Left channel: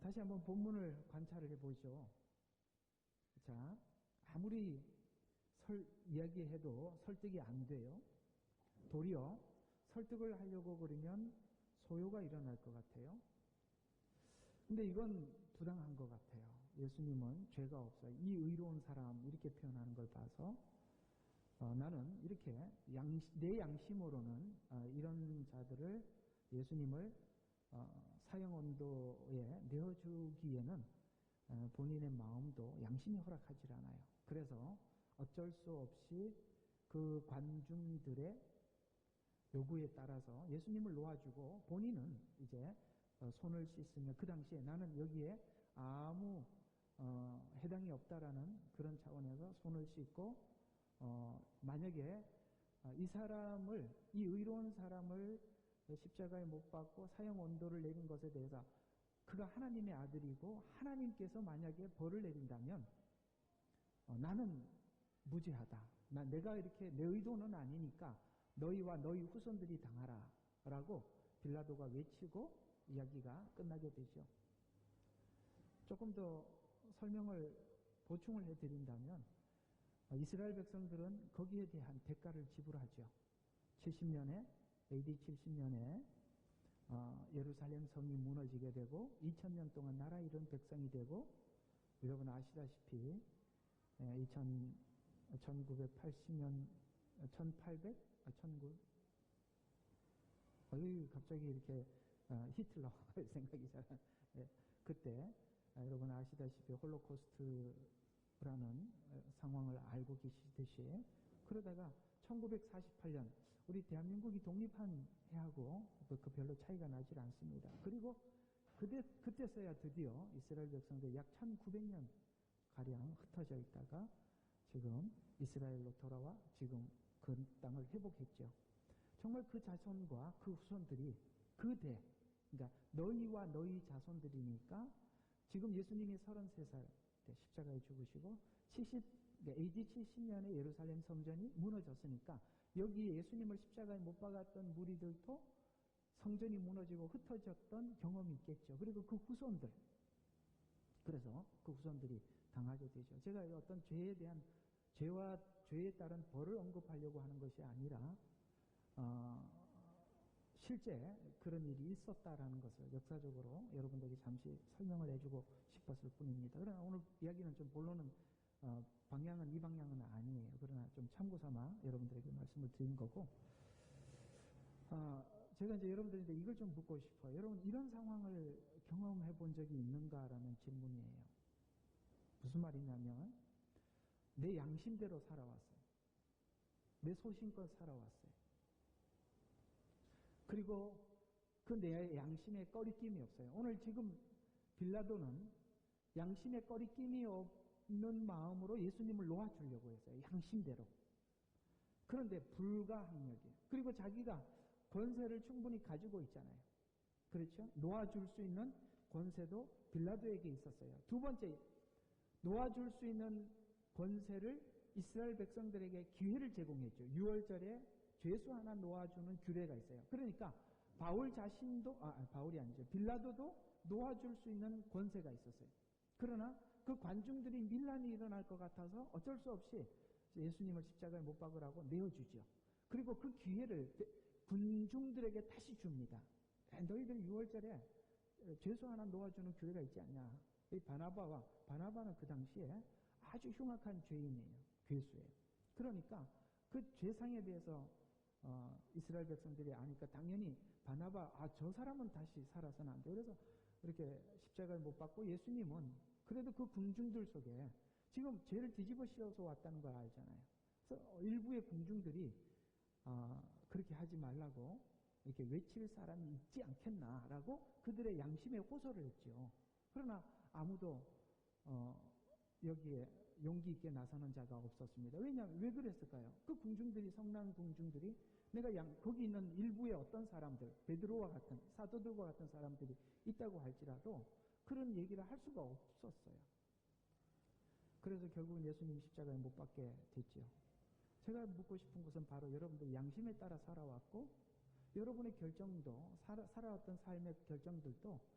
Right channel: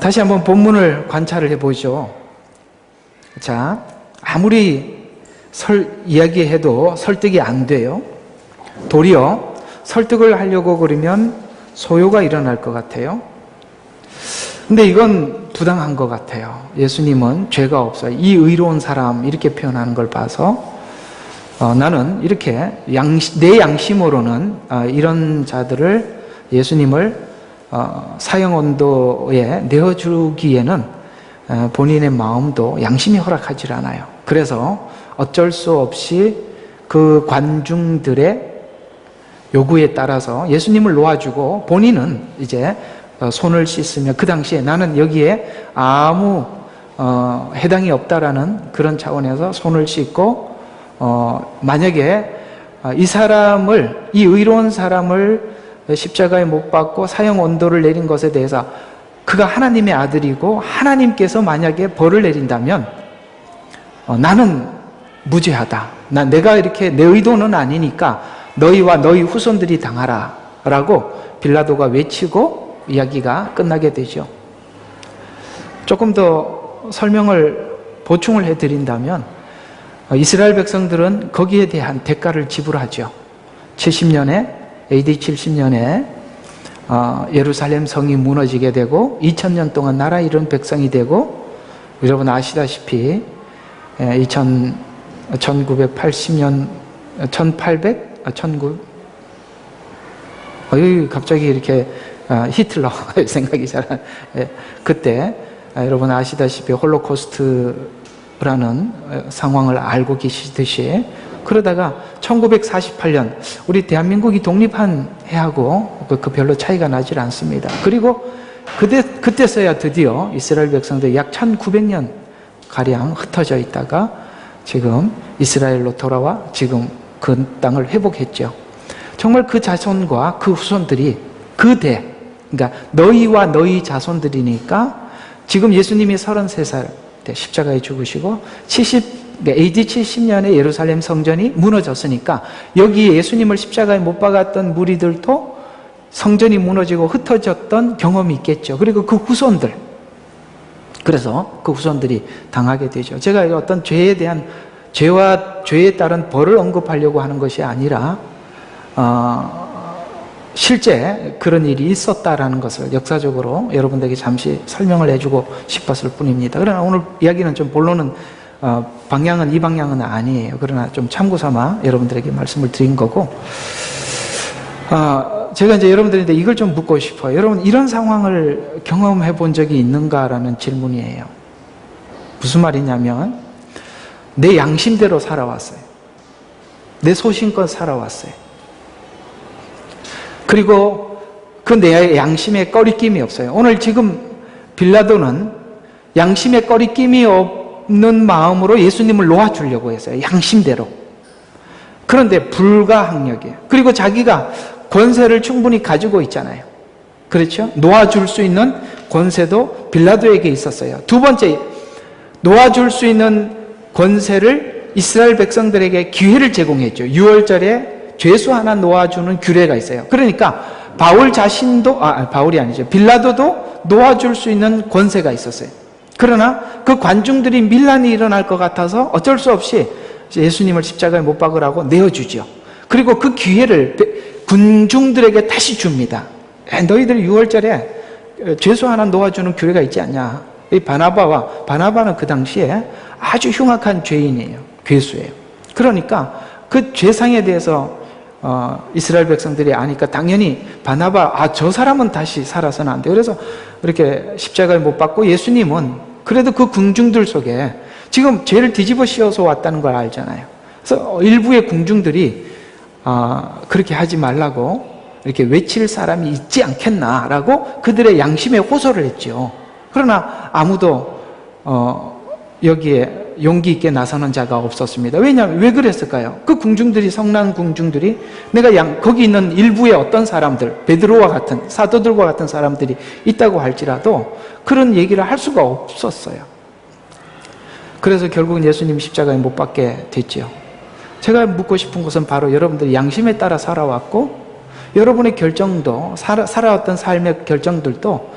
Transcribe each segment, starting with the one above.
다시 한번 본문을 관찰을 해보죠. 자, 아무리 이야기해도 설득이 안 돼요. 도리어 설득을 하려고 그러면 소요가 일어날 것 같아요. 근데 이건 부당한 것 같아요. 예수님은 죄가 없어요. 이 의로운 사람 이렇게 표현하는 걸 봐서 나는 이렇게 내 양심으로는 이런 자들을 예수님을 사형언도에 내어주기에는 본인의 마음도 양심이 허락하지 않아요. 그래서 어쩔 수 없이 그 관중들의 요구에 따라서 예수님을 놓아주고 본인은 이제 손을 씻으며, 그 당시에 나는 여기에 아무 해당이 없다라는 그런 차원에서 손을 씻고 만약에 이 의로운 사람을 십자가에 못 박고 사형 언도를 내린 것에 대해서 그가 하나님의 아들이고 하나님께서 만약에 벌을 내린다면 나는 무죄하다. 내가 이렇게 내 의도는 아니니까 너희와 너희 후손들이 당하라 라고 빌라도가 외치고 이야기가 끝나게 되죠. 조금 더 보충을 해드린다면 이스라엘 백성들은 거기에 대한 대가를 지불하죠. AD 70년에 예루살렘 성이 무너지게 되고 2000년 동안 나라 잃은 백성이 되고, 여러분 아시다시피 1980년 1900 갑자기 이렇게 히틀러 생각이 잘 안. 그때 여러분 아시다시피 홀로코스트라는 상황을 알고 계시듯이, 그러다가 1948년 우리 대한민국이 독립한 해하고 그 별로 차이가 나질 않습니다. 그리고 그때서야 드디어 이스라엘 백성들이 약 1900년 가량 흩어져 있다가 지금 이스라엘로 돌아와 지금 그 땅을 회복했죠. 정말 그 자손과 그 후손들이 그러니까 너희와 너희 자손들이니까, 지금 예수님이 33살 때 십자가에 죽으시고 AD 70년에 예루살렘 성전이 무너졌으니까 여기에 예수님을 십자가에 못 박았던 무리들도 성전이 무너지고 흩어졌던 경험이 있겠죠. 그리고 그 후손들, 그래서 그 후손들이 당하게 되죠. 제가 어떤 죄와 죄에 따른 벌을 언급하려고 하는 것이 아니라 실제 그런 일이 있었다라는 것을 역사적으로 여러분들에게 잠시 설명을 해주고 싶었을 뿐입니다. 그러나 오늘 이야기는 좀 본론은 이 방향은 아니에요. 그러나 좀 참고 삼아 여러분들에게 말씀을 드린 거고, 제가 이제 여러분들한테 이걸 좀 묻고 싶어요. 여러분, 이런 상황을 경험해 본 적이 있는가라는 질문이에요. 무슨 말이냐면, 내 양심대로 살아왔어요. 내 소신껏 살아왔어요. 그리고 그 내 양심에 꺼리낌이 없어요. 오늘 지금 빌라도는 양심에 꺼리낌이 없는 마음으로 예수님을 놓아주려고 했어요. 양심대로. 그런데 불가항력이에요. 그리고 자기가 권세를 충분히 가지고 있잖아요. 그렇죠? 놓아줄 수 있는 권세도 빌라도에게 있었어요. 두 번째, 놓아줄 수 있는 권세를 이스라엘 백성들에게 기회를 제공했죠. 6월절에 죄수 하나 놓아주는 규례가 있어요. 그러니까 바울이 아니죠. 빌라도도 놓아줄 수 있는 권세가 있었어요. 그러나 그 관중들이 밀란이 일어날 것 같아서 어쩔 수 없이 예수님을 십자가에 못 박으라고 내어주죠. 그리고 그 기회를 군중들에게 다시 줍니다. 너희들 6월절에 죄수 하나 놓아주는 규례가 있지 않냐. 이 바나바는 그 당시에 아주 흉악한 죄인이에요. 괴수예요. 그러니까 그 죄상에 대해서 이스라엘 백성들이 아니까 당연히 저 사람은 다시 살아서는 안 돼요. 그래서 이렇게 십자가에 못 박고, 예수님은 그래도 그 궁중들 속에 지금 죄를 뒤집어 씌워서 왔다는 걸 알잖아요. 그래서 일부의 궁중들이 그렇게 하지 말라고 이렇게 외칠 사람이 있지 않겠나라고 그들의 양심에 호소를 했죠. 그러나 아무도 여기에 용기 있게 나서는 자가 없었습니다. 왜냐하면 왜 그랬을까요? 그 궁중들이, 성난 궁중들이, 거기 있는 일부의 어떤 사람들, 베드로와 같은 사도들과 같은 사람들이 있다고 할지라도 그런 얘기를 할 수가 없었어요. 그래서 결국은 예수님 십자가에 못 박게 됐죠. 제가 묻고 싶은 것은 바로 여러분들이 양심에 따라 살아왔고, 여러분의 결정도, 살아왔던 삶의 결정들도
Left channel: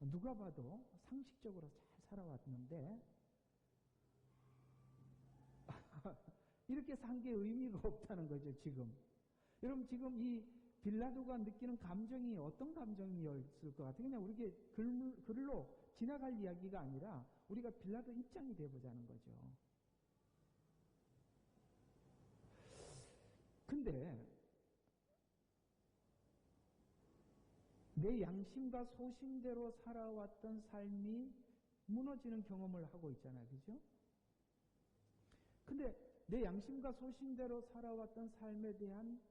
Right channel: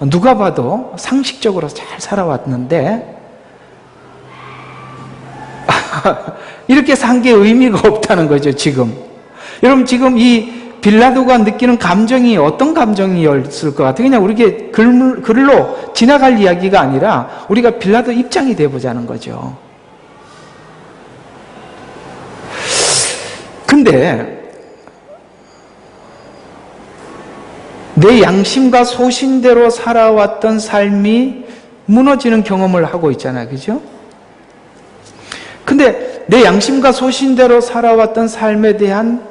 누가 봐도 상식적으로 잘 살아왔는데 이렇게 산 게 의미가 없다는 거죠, 지금. 여러분, 지금 이 빌라도가 느끼는 감정이 어떤 감정이었을 것 같아요? 그냥 우리게 글로 지나갈 이야기가 아니라 우리가 빌라도 입장이 돼보자는 거죠. 근데 내 양심과 소신대로 살아왔던 삶이 무너지는 경험을 하고 있잖아요. 그죠? 근데 내 양심과 소신대로 살아왔던 삶에 대한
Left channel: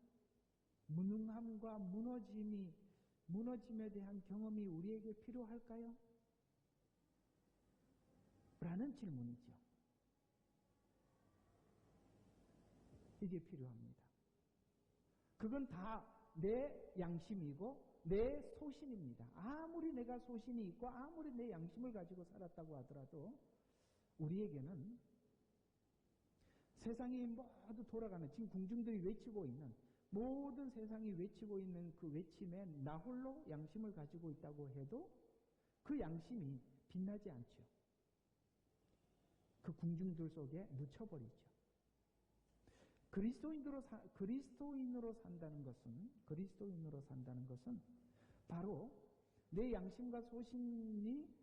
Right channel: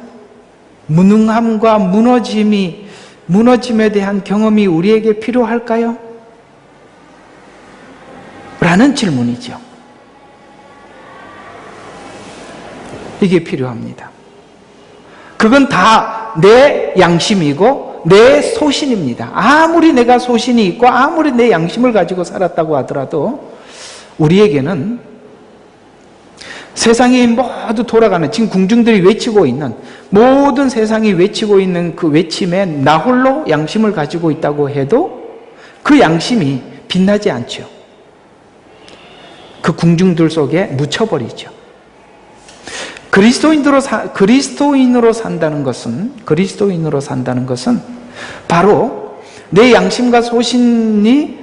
무능함과 무너짐에 대한 경험이 우리에게 필요할까요? 라는 질문이죠. 이게 필요합니다. 그건 다 내 양심이고 내 소신입니다. 아무리 내가 소신이 있고 아무리 내 양심을 가지고 살았다고 하더라도 우리에게는 세상이 모두 돌아가는, 지금 궁중들이 외치고 있는, 모든 세상이 외치고 있는 그 외침에 나 홀로 양심을 가지고 있다고 해도 그 양심이 빛나지 않죠. 그 궁중들 속에 묻혀버리죠. 그리스도인으로 산다는 것은 바로 내 양심과 소신이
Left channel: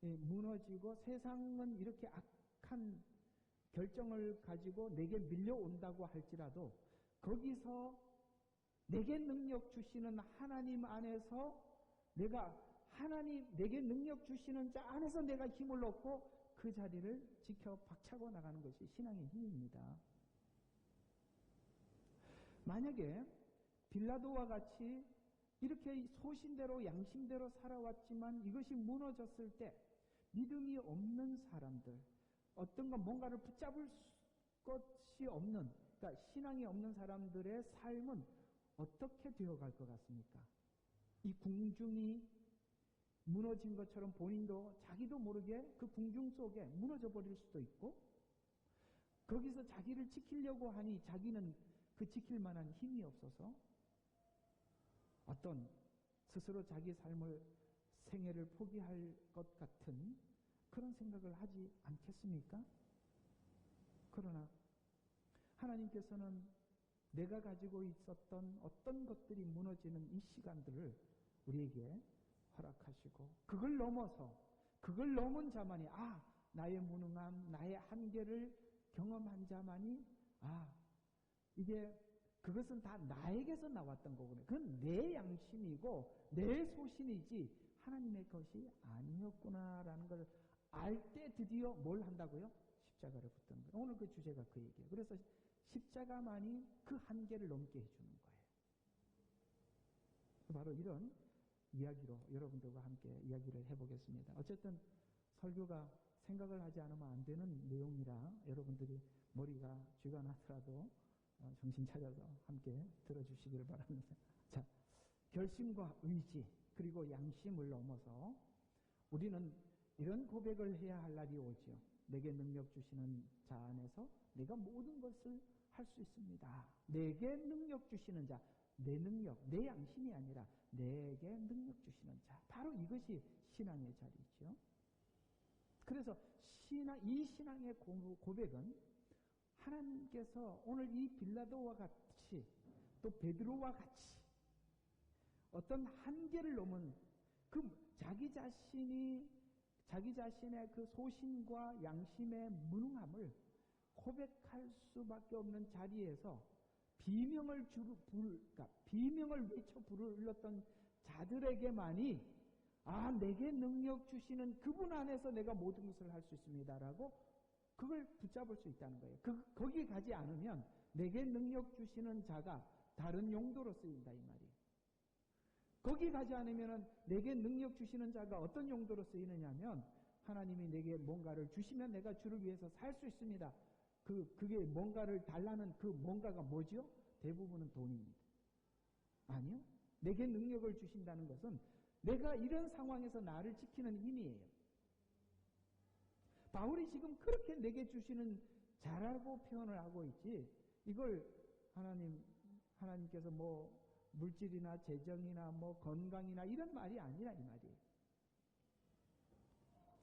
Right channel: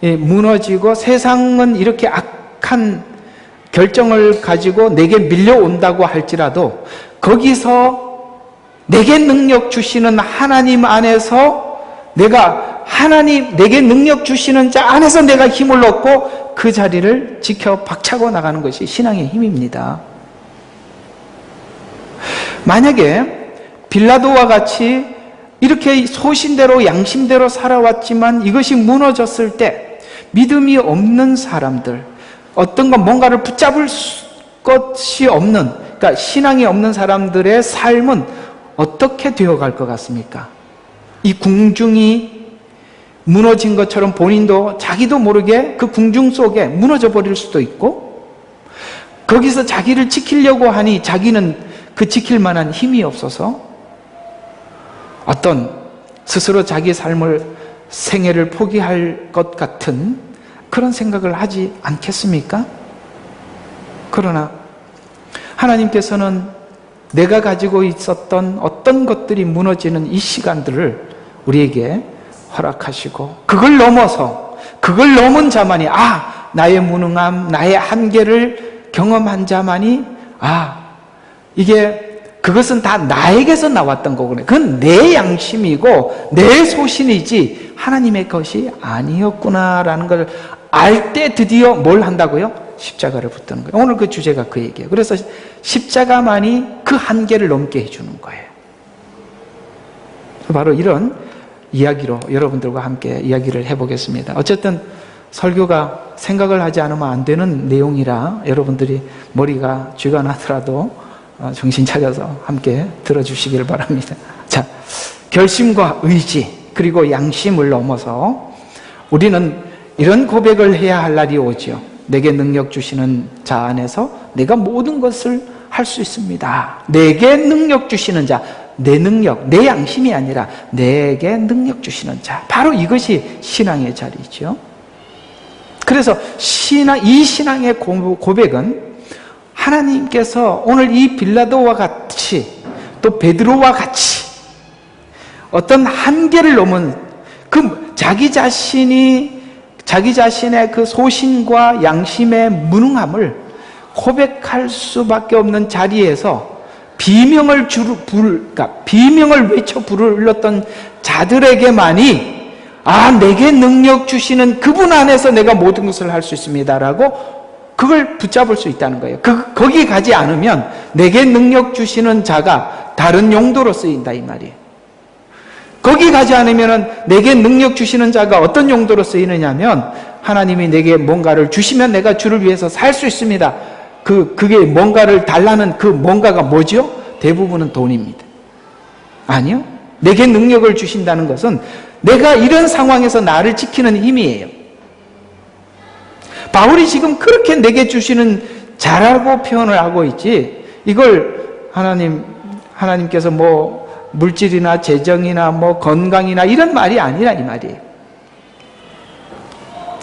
무너지고 세상은 이렇게 악한 결정을 가지고 내게 밀려온다고 할지라도 거기서 내게 능력 주시는 하나님 안에서 내게 능력 주시는 자 안에서 내가 힘을 얻고 그 자리를 지켜 박차고 나가는 것이 신앙의 힘입니다. 만약에 빌라도와 같이 이렇게 소신대로 양심대로 살아왔지만 이것이 무너졌을 때 믿음이 없는 사람들, 어떤 건 뭔가를 붙잡을 것이 없는, 그러니까 신앙이 없는 사람들의 삶은 어떻게 되어갈 것 같습니까? 이 궁중이 무너진 것처럼 본인도 자기도 모르게 그 궁중 속에 무너져 버릴 수도 있고, 거기서 자기를 지키려고 하니 자기는 그 지킬 만한 힘이 없어서 어떤 스스로 자기 삶을, 생애를 포기할 것 같은 그런 생각을 하지 않겠습니까? 그러나 하나님께서는 내가 가지고 있었던 어떤 것들이 무너지는 이 시간들을 우리에게 허락하시고, 그걸 넘은 자만이, 나의 무능함, 나의 한계를 경험한 자만이, 그것은 다 나에게서 나왔던 거구나. 그건 내 양심이고 내 소신이지 하나님의 것이 아니었구나라는 걸 알 때 드디어 뭘 한다고요? 십자가를 붙드는 거예요. 오늘 그 주제가 그 얘기예요. 그래서 십자가만이 그 한계를 넘게 해주는 거예요. 바로 이런 이야기로 여러분들과 함께 이야기를 해보겠습니다. 어쨌든 설교가 생각을 하지 않으면 안 되는 내용이라 여러분들이 머리가 쥐가 나더라도 정신 차려서 함께 들어주시길 바랍니다. 자, 결심과 의지 그리고 양심을 넘어서 우리는 이런 고백을 해야 할 날이 오죠. 내게 능력 주시는 자 안에서 내가 모든 것을 할 수 있습니다. 내게 능력 주시는 자, 내 능력, 내 양심이 아니라 내게 능력 주시는 자, 바로 이것이 신앙의 자리죠. 그래서 이 신앙의 고백은 하나님께서 오늘 이 빌라도와 같이 또 베드로와 같이 어떤 한계를 넘은 그 자기 자신의 그 소신과 양심의 무능함을 고백할 수밖에 없는 자리에서 비명을 외쳐 불렀던 자들에게만이 내게 능력 주시는 그분 안에서 내가 모든 것을 할 수 있습니다라고 그걸 붙잡을 수 있다는 거예요. 거기 가지 않으면 내게 능력 주시는 자가 다른 용도로 쓰인다 이 말이에요. 거기 가지 않으면 내게 능력 주시는 자가 어떤 용도로 쓰이느냐면 하나님이 내게 뭔가를 주시면 내가 주를 위해서 살 수 있습니다. 그게 뭔가를 달라는 그 뭔가가 뭐죠? 대부분은 돈입니다. 아니요. 내게 능력을 주신다는 것은 내가 이런 상황에서 나를 지키는 힘이에요. 바울이 지금 그렇게 내게 주시는 자라고 표현을 하고 있지, 이걸 하나님께서 물질이나 재정이나 건강이나 이런 말이 아니라 이 말이에요.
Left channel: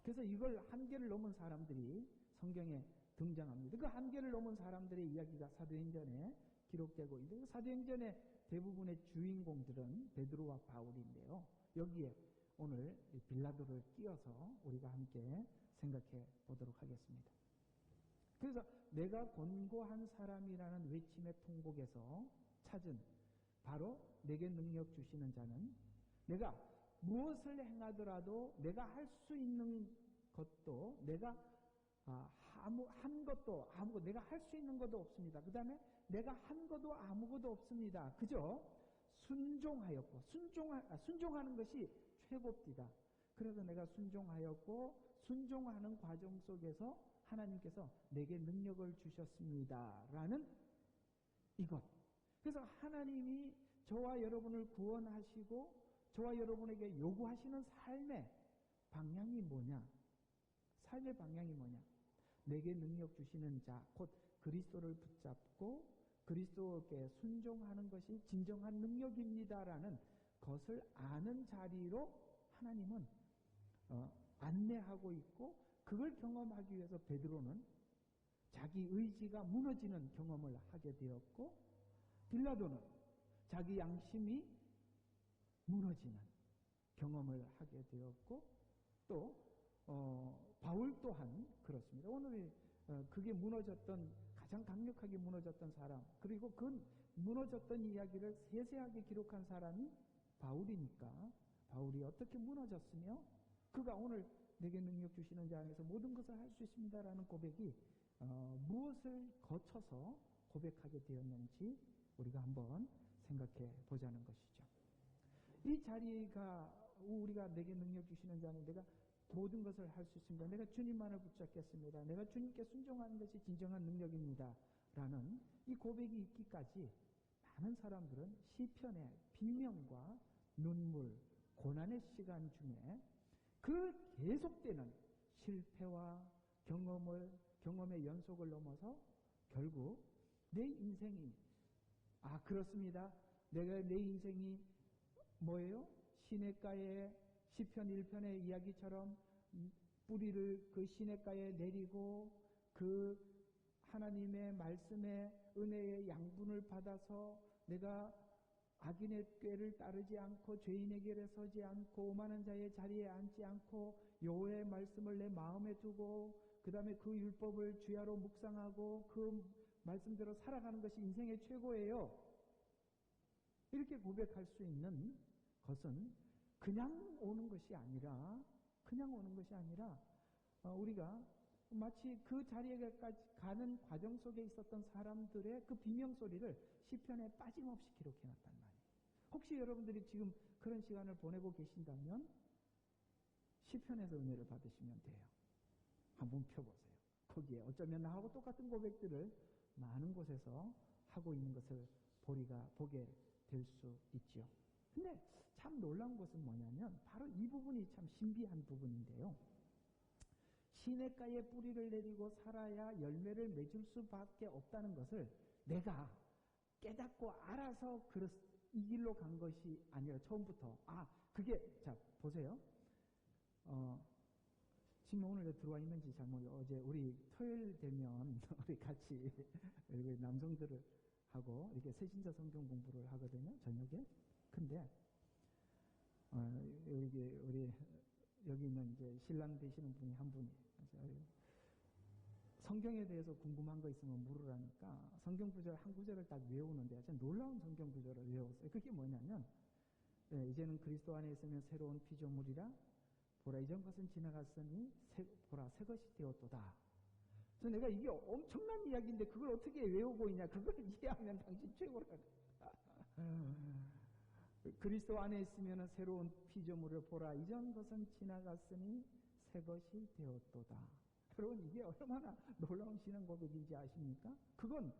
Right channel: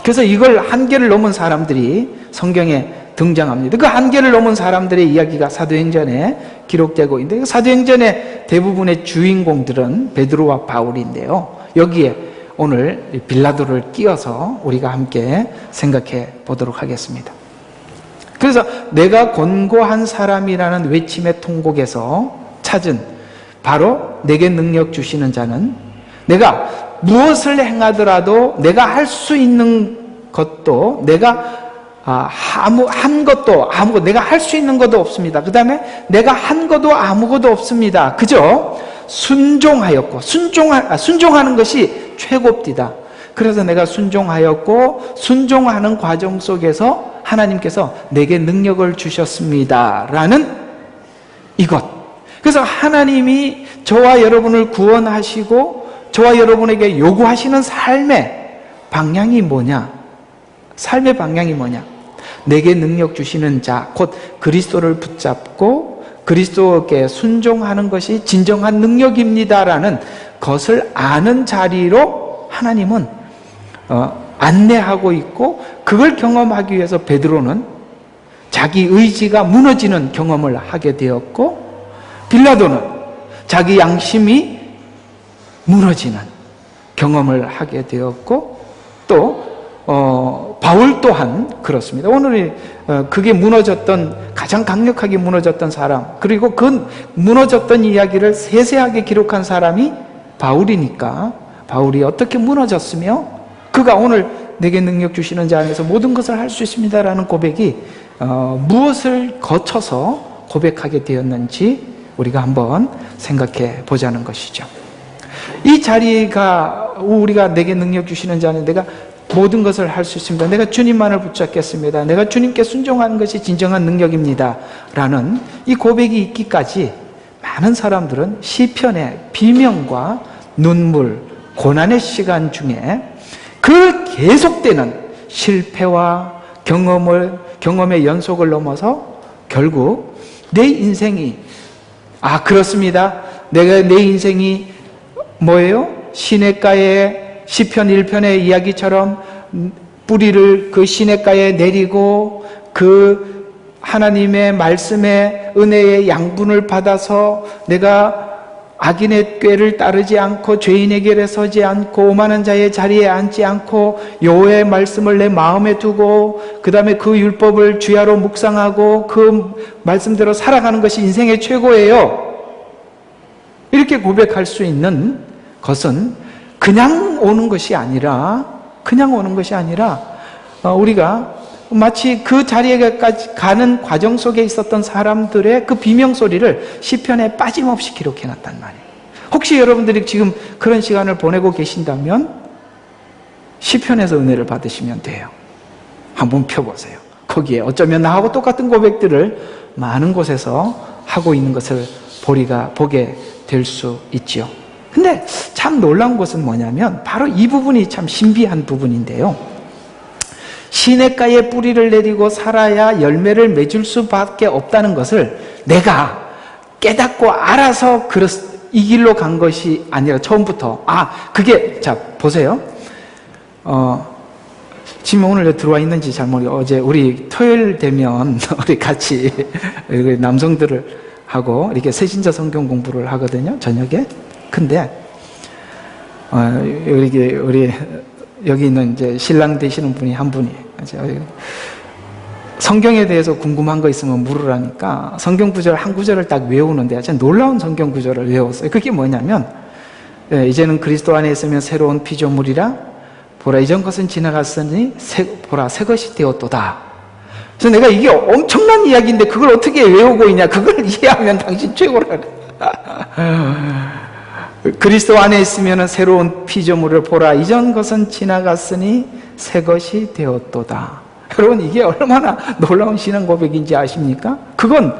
그래서 이걸 한계를 넘은 사람들이 성경에 등장합니다. 그 한계를 넘은 사람들의 이야기가 사도행전에 기록되고 있는데, 사도행전의 대부분의 주인공들은 베드로와 바울인데요. 여기에 오늘 빌라도를 끼워서 우리가 함께 생각해 보도록 하겠습니다. 그래서 내가 권고한 사람이라는 외침의 통곡에서 찾은 바로 내게 능력 주시는 자는, 내가 무엇을 행하더라도 내가 할 수 있는 것도, 내가 한 것도 아무것도, 내가 할 수 있는 것도 없습니다. 그 다음에 내가 한 것도 아무것도 없습니다. 그저 순종하였고, 순종하는 것이 최고입니다. 그래서 내가 순종하였고, 순종하는 과정 속에서 하나님께서 내게 능력을 주셨습니다 라는 이것. 그래서 하나님이 저와 여러분을 구원하시고 저와 여러분에게 요구하시는 삶의 방향이 뭐냐? 삶의 방향이 뭐냐? 내게 능력 주시는 자, 곧 그리스도를 붙잡고 그리스도께 순종하는 것이 진정한 능력입니다라는 것을 아는 자리로 하나님은 안내하고 있고, 그걸 경험하기 위해서 베드로는 자기 의지가 무너지는 경험을 하게 되었고, 빌라도는 자기 양심이 무너지는 경험을 하게 되었고, 또 바울 또한 그렇습니다. 오늘 그게 무너졌던, 가장 강력하게 무너졌던 사람, 그리고 그 무너졌던 이야기를 세세하게 기록한 사람이 바울이니까, 바울이 어떻게 무너졌으며 그가 오늘 내게 능력 주시는 자 안에서 모든 것을 할 수 있습니다라는 고백이 무엇을 거쳐서 고백하게 되었는지 우리가 한번 생각해 보자는 것이죠. 이 자리가, 우리가 내게 능력 주시는 자는 내가 모든 것을 할 수 있습니다. 내가 주님만을 붙잡겠습니다. 내가 주님께 순종하는 것이 진정한 능력입니다 라는 이 고백이 있기까지 많은 사람들은 시편의 비명과 눈물, 고난의 시간 중에 그 계속되는 실패와 경험의 연속을 넘어서 결국 내 인생이, 그렇습니다. 내 인생이 뭐예요? 시냇가에 시편 1편의 이야기처럼 뿌리를 그 시냇가에 내리고 그 하나님의 말씀의 은혜의 양분을 받아서 내가 악인의 꾀를 따르지 않고 죄인의 길에 서지 않고 오만한 자의 자리에 앉지 않고 여호와의 말씀을 내 마음에 두고 그 다음에 그 율법을 주야로 묵상하고 그 말씀대로 살아가는 것이 인생의 최고예요. 이렇게 고백할 수 있는 것은 그냥 오는 것이 아니라 우리가 마치 그 자리에까지 가는 과정 속에 있었던 사람들의 그 비명소리를 시편에 빠짐없이 기록해놨단 말이에요. 혹시 여러분들이 지금 그런 시간을 보내고 계신다면 시편에서 은혜를 받으시면 돼요. 한번 펴보세요. 거기에 어쩌면 나하고 똑같은 고백들을 많은 곳에서 하고 있는 것을 보게 될 수 있죠. 근데 참 놀라운 것은 뭐냐면 바로 이 부분이 참 신비한 부분인데요. 시냇가에 뿌리를 내리고 살아야 열매를 맺을 수밖에 없다는 것을 내가 깨닫고 알아서 이 길로 간 것이 아니라 처음부터 자 보세요. 지금 오늘 들어와 있는지 잘 모르겠어요. 어제 우리 토요일 되면 우리 같이 남성들을 하고 이렇게 새신자 성경 공부를 하거든요, 저녁에. 근데 우리 여기 있는 이제 신랑 되시는 분이 한 분이 성경에 대해서 궁금한 거 있으면 물으라니까 성경 구절 한 구절을 딱 외우는데 진짜 놀라운 성경 구절을 외웠어요. 그게 뭐냐면 이제는 그리스도 안에 있으면 새로운 피조물이라 보라 이전 것은 지나갔으니 보라 새 것이 되었도다. 그래서 내가 이게 엄청난 이야기인데 그걸 어떻게 외우고 있냐, 그걸 이해하면 당신 최고라. 그리스도 안에 있으면 새로운 피조물을 보라 이전 것은 지나갔으니 새 것이 되었도다. 여러분 이게 얼마나 놀라운 신앙 고백인지 아십니까? 그건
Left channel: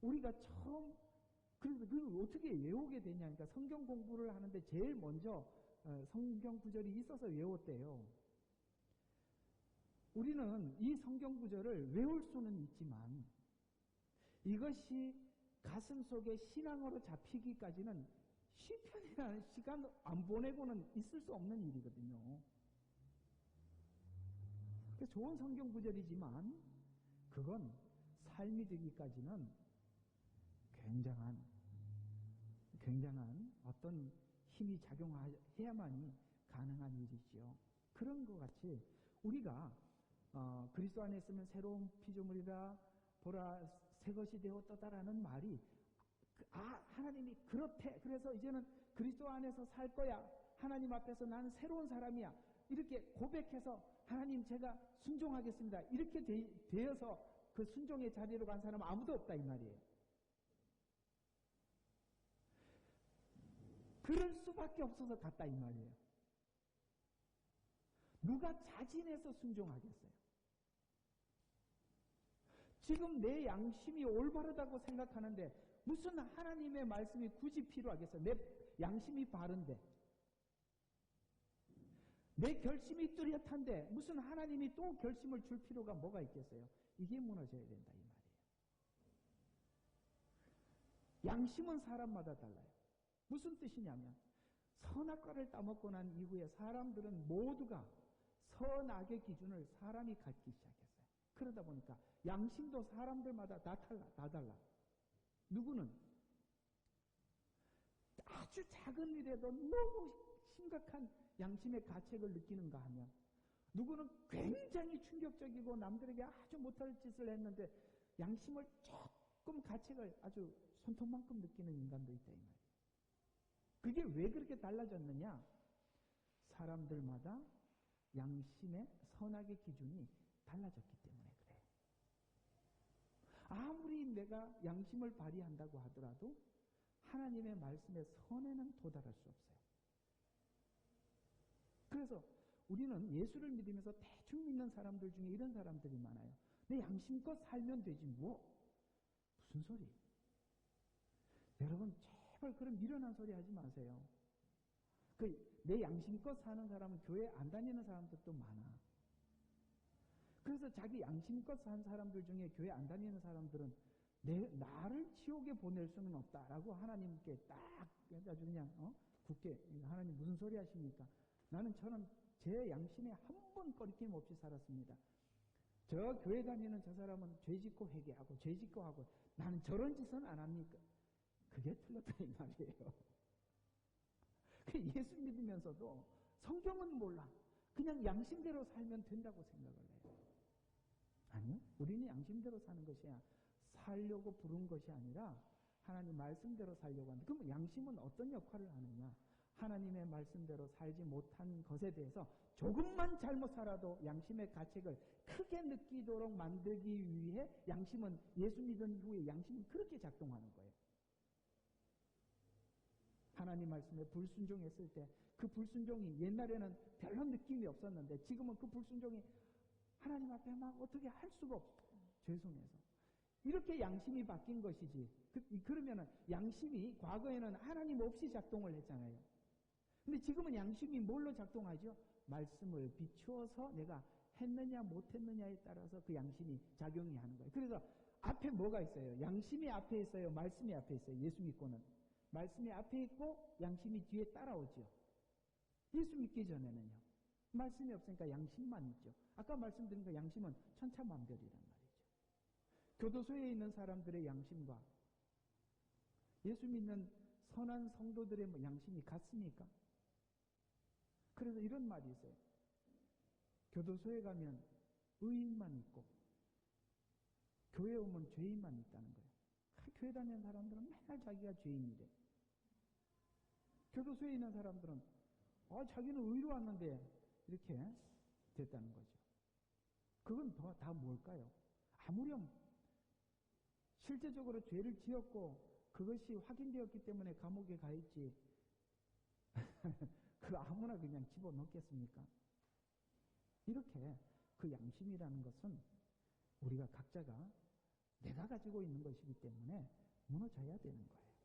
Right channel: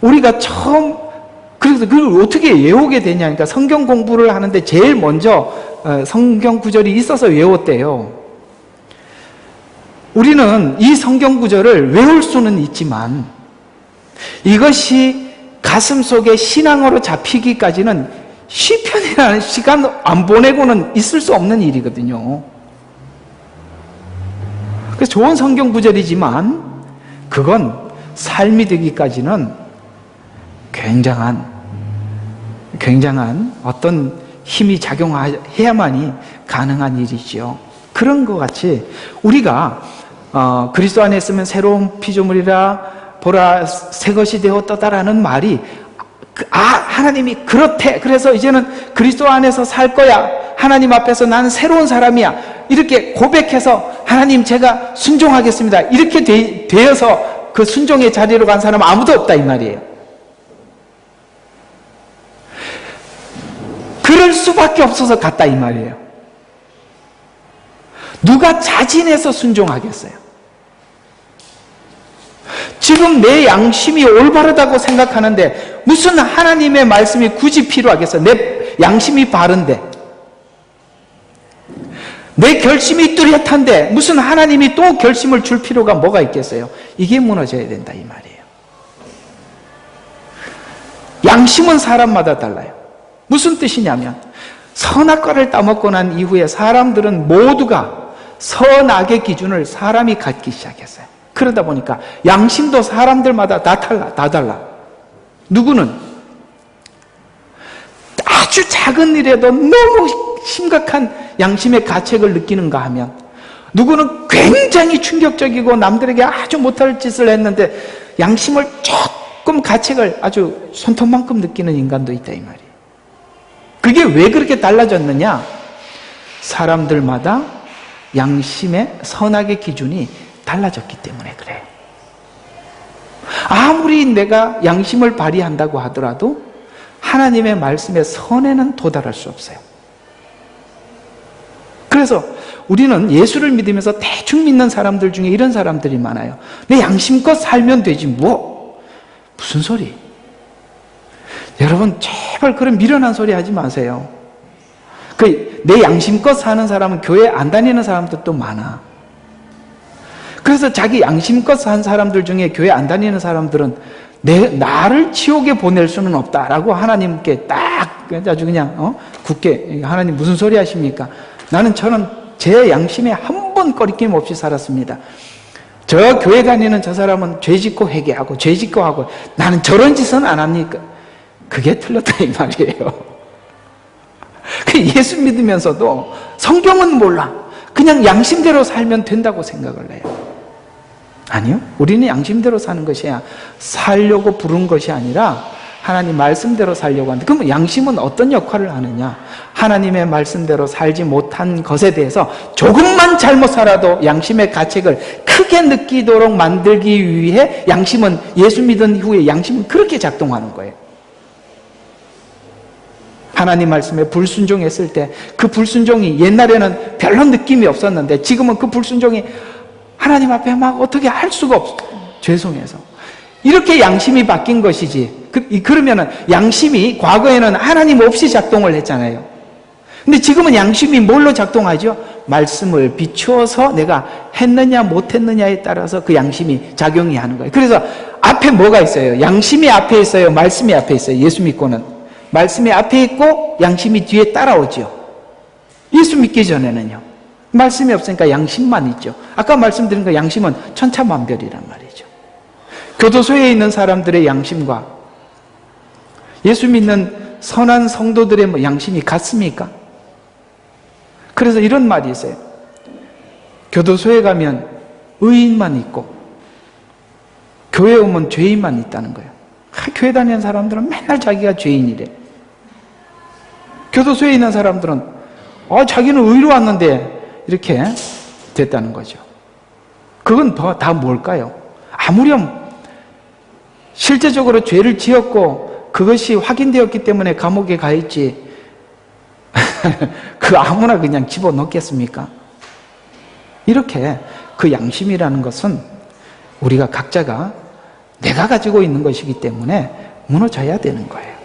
우리가 그래서 그걸 어떻게 외우게 되냐, 그러니까 성경 공부를 하는데 제일 먼저 성경 구절이 있어서 외웠대요. 우리는 이 성경 구절을 외울 수는 있지만 이것이 가슴 속에 신앙으로 잡히기까지는 시편이라는 시간 안 보내고는 있을 수 없는 일이거든요. 그래서 좋은 성경 구절이지만 그건 삶이 되기까지는 굉장한 어떤 힘이 작용해야만이 가능한 일이지요. 그런 것 같이 우리가 그리스도 안에 있으면 새로운 피조물이라 보라 새 것이 되었다라는 말이 하나님이 그렇대, 그래서 이제는 그리스도 안에서 살 거야, 하나님 앞에서 나는 새로운 사람이야, 이렇게 고백해서 하나님 제가 순종하겠습니다, 이렇게 되어서 그 순종의 자리로 간 사람은 아무도 없다 이 말이에요. 그럴 수밖에 없어서 갔다 이 말이에요. 누가 자진해서 순종하겠어요? 지금 내 양심이 올바르다고 생각하는데 무슨 하나님의 말씀이 굳이 필요하겠어요? 내 양심이 바른데, 내 결심이 뚜렷한데 무슨 하나님이 또 결심을 줄 필요가 뭐가 있겠어요? 이게 무너져야 된다 이 말이에요. 양심은 사람마다 달라요. 무슨 뜻이냐면 선악과를 따먹고 난 이후에 사람들은 모두가 선악의 기준을 사람이 갖기 시작했어요. 그러다 보니까 양심도 사람들마다 다 달라. 누구는 아주 작은 일에도 너무 심각한 양심의 가책을 느끼는가 하면, 누구는 굉장히 충격적이고 남들에게 아주 못할 짓을 했는데 양심을 조금 가책을 아주 손톱만큼 느끼는 인간도 있다 이 말이에요. 그게 왜 그렇게 달라졌느냐? 사람들마다 양심의 선악의 기준이 달라졌기 때문에 그래요. 아무리 내가 양심을 발휘한다고 하더라도 하나님의 말씀의 선에는 도달할 수 없어요. 그래서 우리는 예수를 믿으면서 대충 믿는 사람들 중에 이런 사람들이 많아요. 내 양심껏 살면 되지 무슨 소리? 여러분 제발 그런 미련한 소리 하지 마세요. 내 양심껏 사는 사람은 교회 안 다니는 사람들도 많아. 그래서 자기 양심껏 산 사람들 중에 교회 안 다니는 사람들은 나를 지옥에 보낼 수는 없다라고 하나님께 딱 아주 그냥 굳게, 하나님 무슨 소리 하십니까? 저는 제 양심에 한 번 꺼리낌 없이 살았습니다. 저 교회 다니는 저 사람은 죄 짓고 회개하고 죄 짓고 하고 나는 저런 짓은 안 합니까? 그게 틀렸다 이 말이에요. 예수 믿으면서도 성경은 몰라, 그냥 양심대로 살면 된다고 생각을 해요. 아니요, 우리는 양심대로 사는 것이야 살려고 부른 것이 아니라 하나님 말씀대로 살려고 하는데, 그러면 양심은 어떤 역할을 하느냐? 하나님의 말씀대로 살지 못한 것에 대해서 조금만 잘못 살아도 양심의 가책을 크게 느끼도록 만들기 위해 양심은, 예수 믿은 이후에 양심은 그렇게 작동하는 거예요. 하나님 말씀에 불순종했을 때 그 불순종이 옛날에는 별로 느낌이 없었는데 지금은 그 불순종이 하나님 앞에 막 어떻게 할 수가 없어, 죄송해서. 이렇게 양심이 바뀐 것이지. 그러면은 양심이 과거에는 하나님 없이 작동을 했잖아요. 근데 지금은 양심이 뭘로 작동하죠? 말씀을 비추어서 내가 했느냐 못했느냐에 따라서 그 양심이 작용이 하는 거예요. 그래서 앞에 뭐가 있어요? 양심이 앞에 있어요? 말씀이 앞에 있어요? 예수 믿고는 말씀이 앞에 있고 양심이 뒤에 따라오죠. 예수 믿기 전에는요, 말씀이 없으니까 양심만 있죠. 아까 말씀드린 거 양심은 천차만별이란 말이죠. 교도소에 있는 사람들의 양심과 예수 믿는 선한 성도들의 양심이 같습니까? 그래서 이런 말이 있어요. 교도소에 가면 의인만 있고 교회에 오면 죄인만 있다는 거예요. 교회 다니는 사람들은 맨날 자기가 죄인이래. 교도소에 있는 사람들은 자기는 의로 왔는데 이렇게 됐다는 거죠. 그건 다 뭘까요? 아무렴 실제적으로 죄를 지었고 그것이 확인되었기 때문에 감옥에 가 있지 그 아무나 그냥 집어넣겠습니까? 이렇게 그 양심이라는 것은 우리가 각자가 내가 가지고 있는 것이기 때문에 무너져야 되는 거예요.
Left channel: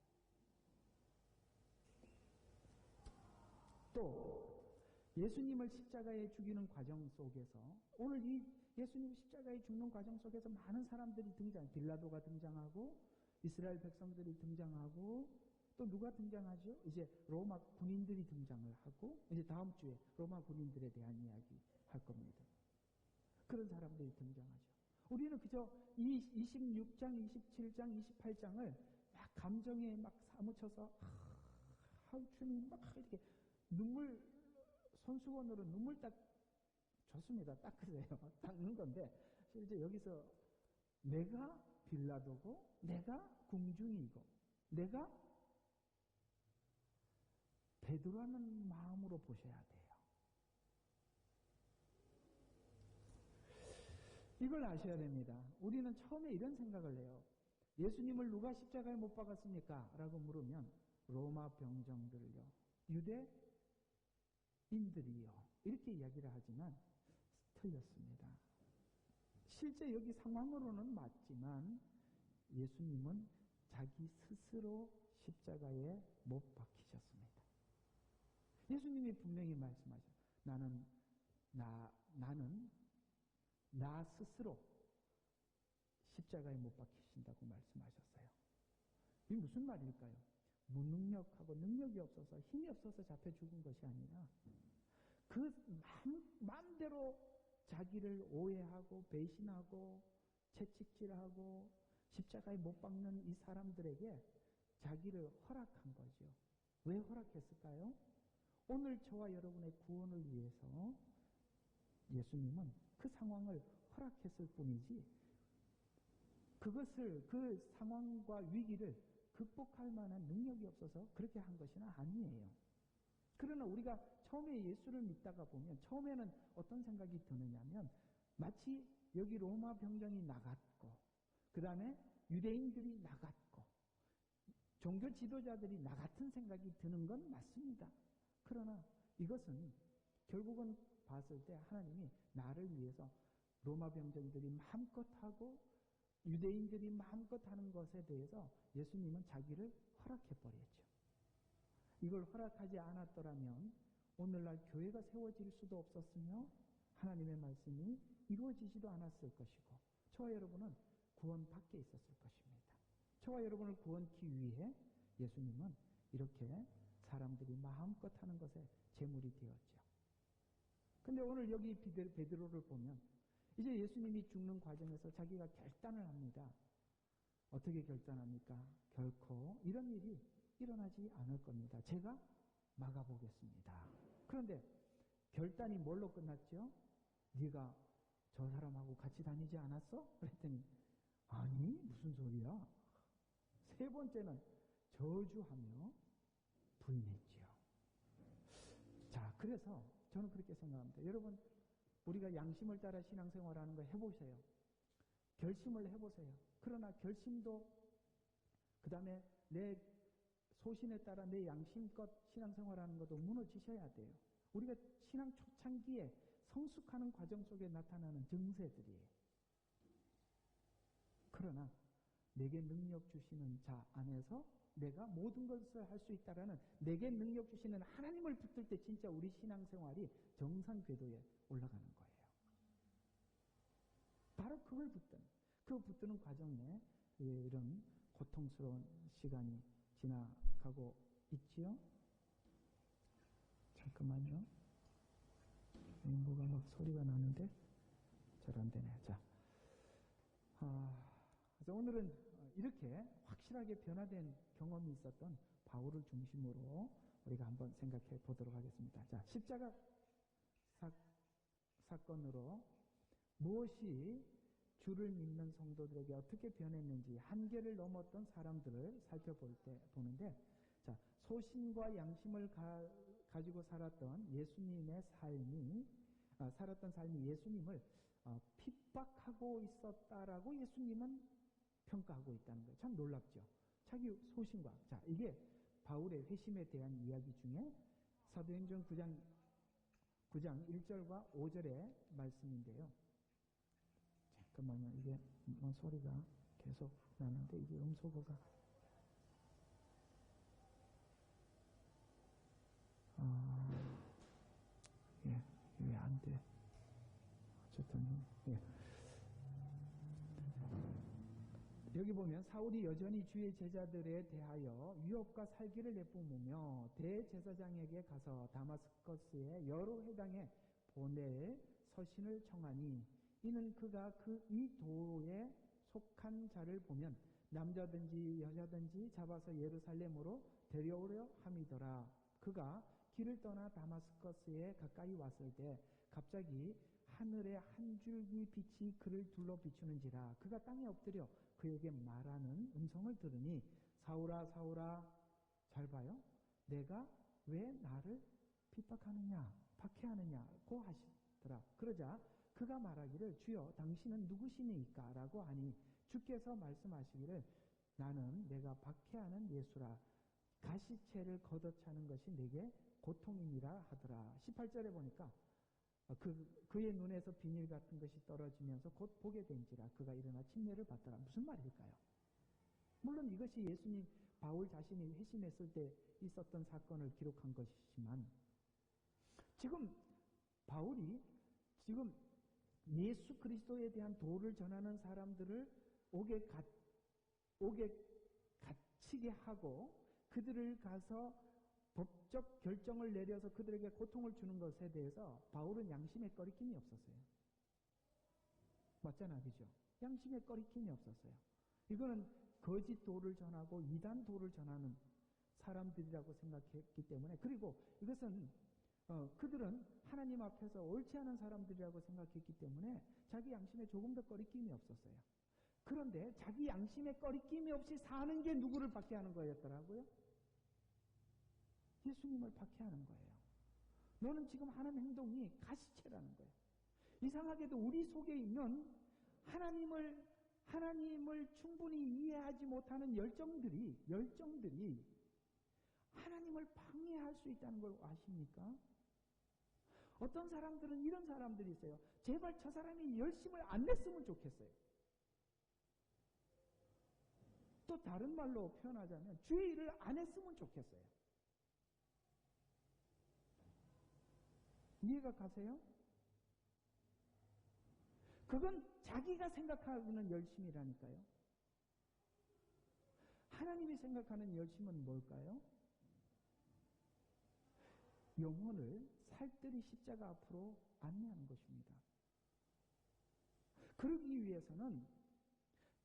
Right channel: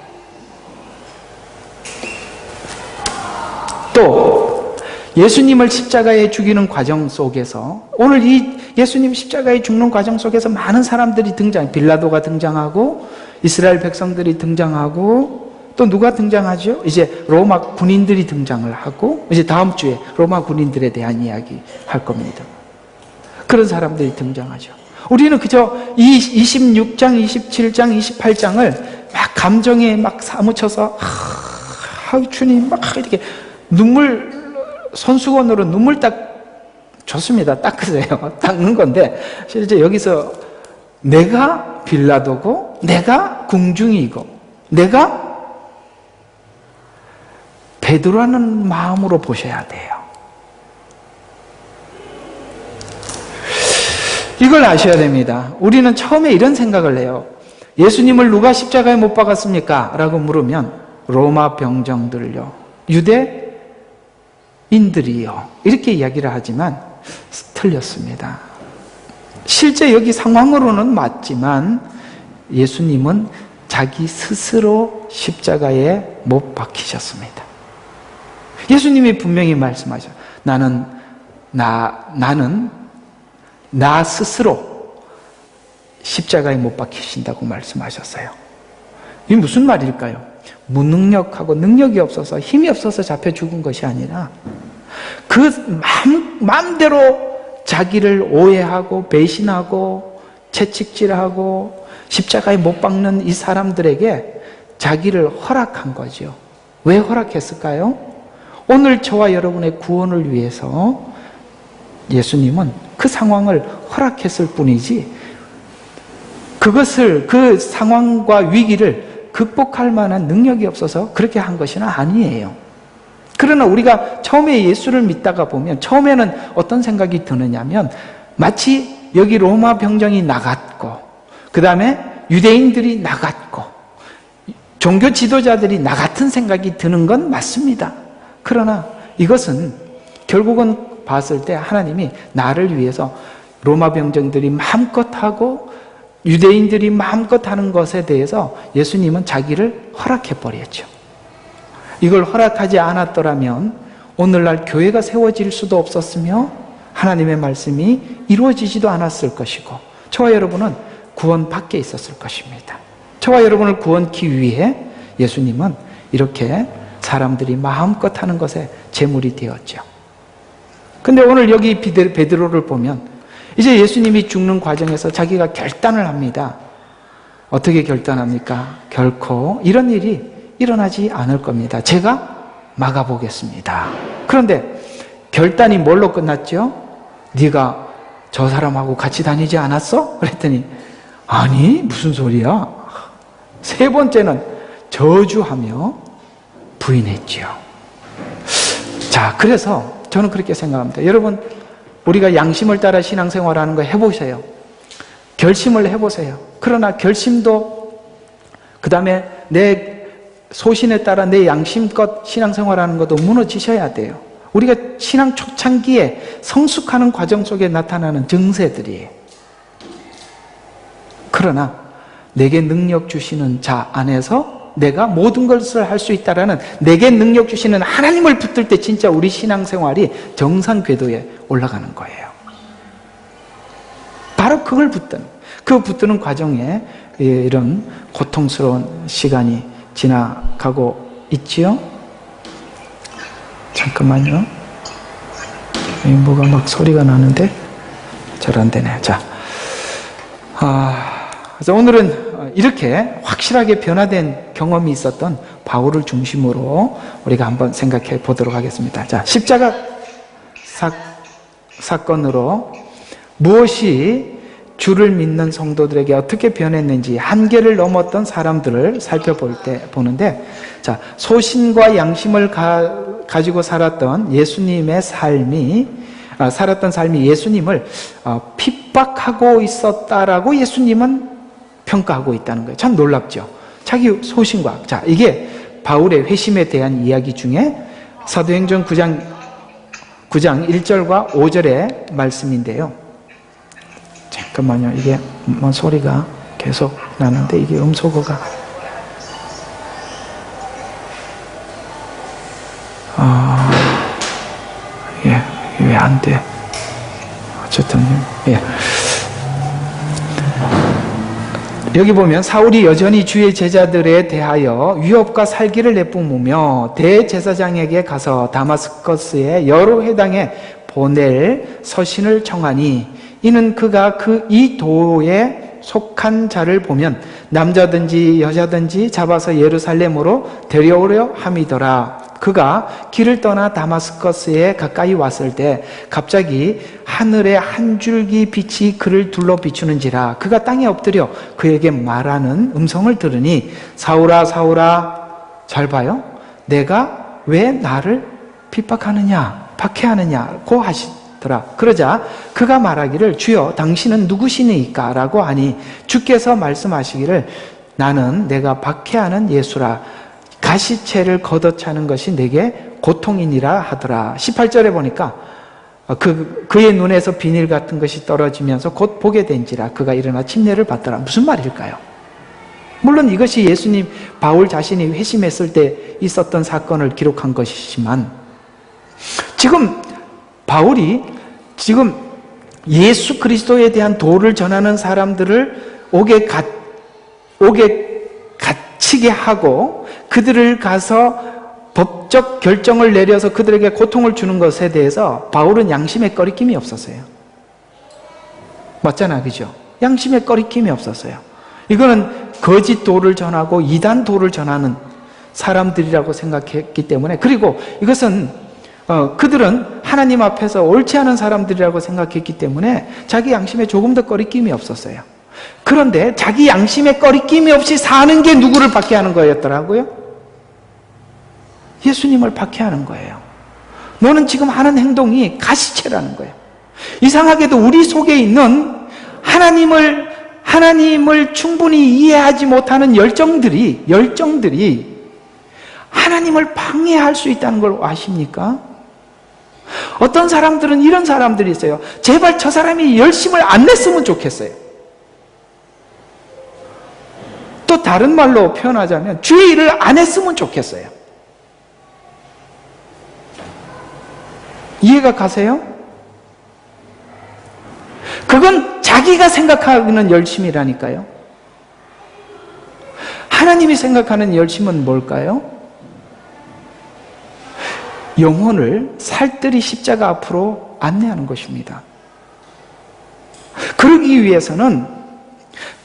또 예수님을 십자가에 죽이는 과정 속에서, 오늘 이 예수님 십자가에 죽는 과정 속에서 많은 사람들이 빌라도가 등장하고 이스라엘 백성들이 등장하고 또 누가 등장하죠? 이제 로마 군인들이 등장을 하고, 이제 다음 주에 로마 군인들에 대한 이야기 할 겁니다. 그런 사람들이 등장하죠. 우리는 그저 이 26장, 27장, 28장을 막 감정에 막 사무쳐서 주님 막 이렇게 손수건으로 눈물 좋습니다. 닦으세요. 닦는 건데 실제 여기서 내가 빌라도고 내가 궁중이고 내가 베드로라는 마음으로 보셔야 돼요. 이걸 아셔야 됩니다. 우리는 처음에 이런 생각을 해요. 예수님을 누가 십자가에 못 박았습니까? 라고 물으면 로마 병정들요, 유대인들이요, 이렇게 이야기를 하지만 틀렸습니다. 실제 여기 상황으로는 맞지만 예수님은 자기 스스로 십자가에 못 박히셨습니다. 예수님이 분명히 말씀하셨어요. 나는 나 스스로 십자가에 못 박히신다고 말씀하셨어요. 이게 무슨 말일까요? 무능력하고 능력이 없어서 힘이 없어서 잡혀 죽은 것이 아니라 그 마음대로 자기를 오해하고 배신하고 채찍질하고 십자가에 못 박는 이 사람들에게 자기를 허락한 거죠. 왜 허락했을까요? 오늘 저와 여러분의 구원을 위해서 예수님은 그 상황을 허락했을 뿐이지 그 상황과 위기를 극복할 만한 능력이 없어서 그렇게 한 것은 아니에요. 그러나 우리가 처음에 예수를 믿다가 보면 처음에는 어떤 생각이 드느냐면 마치 여기 로마 병정이 나갔고 그 다음에 유대인들이 나갔고 종교 지도자들이 나 같은 생각이 드는 건 맞습니다. 그러나 이것은 결국은 봤을 때 하나님이 나를 위해서 로마 병정들이 마음껏 하고 유대인들이 마음껏 하는 것에 대해서 예수님은 자기를 허락해버렸죠. 이걸 허락하지 않았더라면 오늘날 교회가 세워질 수도 없었으며 하나님의 말씀이 이루어지지도 않았을 것이고 저와 여러분은 구원 밖에 있었을 것입니다. 저와 여러분을 구원하기 위해 예수님은 이렇게 사람들이 마음껏 하는 것에 제물이 되었죠. 근데 오늘 여기 베드로를 보면 이제 예수님이 죽는 과정에서 자기가 결단을 합니다. 어떻게 결단합니까? 결코 이런 일이 일어나지 않을 겁니다. 제가 막아보겠습니다. 그런데 결단이 뭘로 끝났죠? 네가 저 사람하고 같이 다니지 않았어? 그랬더니 아니 무슨 소리야? 세 번째는 저주하며 부인했죠. 자, 그래서 저는 그렇게 생각합니다. 여러분, 우리가 양심을 따라 신앙생활하는 거 해보세요. 결심을 해보세요. 그러나 결심도 그 다음에 내 소신에 따라 내 양심껏 신앙생활하는 것도 무너지셔야 돼요. 우리가 신앙 초창기에 성숙하는 과정 속에 나타나는 증세들이에요. 그러나 내게 능력 주시는 자 안에서 내가 모든 것을 할 수 있다라는 내게 능력 주시는 하나님을 붙들 때 진짜 우리 신앙생활이 정상 궤도에 올라가는 거예요. 바로 그걸 붙드는 과정에 이런 고통스러운 시간이 지나가고 있지요. 잠깐만요. 뭐가 막 소리가 나는데 잘 안 되네. 자, 그래서 오늘은 이렇게 확실하게 변화된 경험이 있었던 바울을 중심으로 우리가 한번 생각해 보도록 하겠습니다. 자, 십자가 사건으로 무엇이 주를 믿는 성도들에게 어떻게 변했는지 한계를 넘었던 사람들을 보는데, 자, 소신과 양심을 가지고 살았던 예수님의 살았던 삶이 예수님을 핍박하고 있었다라고 예수님은 평가하고 있다는 거예요. 참 놀랍죠. 자기 소신과, 자, 이게 바울의 회심에 대한 이야기 중에 사도행전 9장 1절과 5절의 말씀인데요. 잠깐만요. 이게 뭐 소리가 계속 나는데 이게 음소거가 왜 안 돼? 어쨌든 여기 보면 사울이 여전히 주의 제자들에 대하여 위협과 살기를 내뿜으며 대제사장에게 가서 다마스커스의 여러 회당에 보낼 서신을 청하니 이는 그가 이 도에 속한 자를 보면 남자든지 여자든지 잡아서 예루살렘으로 데려오려 함이더라. 그가 길을 떠나 다마스커스에 가까이 왔을 때 갑자기 하늘에 한 줄기 빛이 그를 둘러 비추는지라. 그가 땅에 엎드려 그에게 말하는 음성을 들으니 사울아 사울아, 잘 봐요, 내가 왜 나를 핍박하느냐 박해하느냐고 하시더라. 그러자 그가 말하기를 주여 당신은 누구시니까? 라고 하니 주께서 말씀하시기를 나는 내가 박해하는 예수라. 가시채를 걷어차는 것이 내게 고통이니라 하더라. 18절에 보니까 그의 눈에서 비닐 같은 것이 떨어지면서 곧 보게 된지라. 그가 일어나 침례를 받더라. 무슨 말일까요? 물론 이것이 예수님, 바울 자신이 회심했을 때 있었던 사건을 기록한 것이지만 지금 바울이 지금 예수 그리스도에 대한 도를 전하는 사람들을 옥에 갇히게 하고 그들을 가서 법적 결정을 내려서 그들에게 고통을 주는 것에 대해서 바울은 양심의 꺼리낌이 없었어요. 맞잖아, 그죠? 양심의 꺼리낌이 없었어요. 이거는 거짓 도를 전하고 이단 도를 전하는 사람들이라고 생각했기 때문에, 그리고 이것은 그들은 하나님 앞에서 옳지 않은 사람들이라고 생각했기 때문에 자기 양심에 조금 더 꺼리낌이 없었어요. 그런데 자기 양심에 꺼리낌이 없이 사는 게 누구를 박해하는 거였더라고요? 예수님을 박해하는 거예요. 너는 지금 하는 행동이 가시채라는 거예요. 이상하게도 우리 속에 있는 하나님을 충분히 이해하지 못하는 열정들이 하나님을 방해할 수 있다는 걸 아십니까? 어떤 사람들은 이런 사람들이 있어요. 제발 저 사람이 열심을 안 냈으면 좋겠어요. 또 다른 말로 표현하자면 주의 일을 안 했으면 좋겠어요. 이해가 가세요? 그건 자기가 생각하는 열심이라니까요. 하나님이 생각하는 열심은 뭘까요? 영혼을 살뜰히 십자가 앞으로 안내하는 것입니다. 그러기 위해서는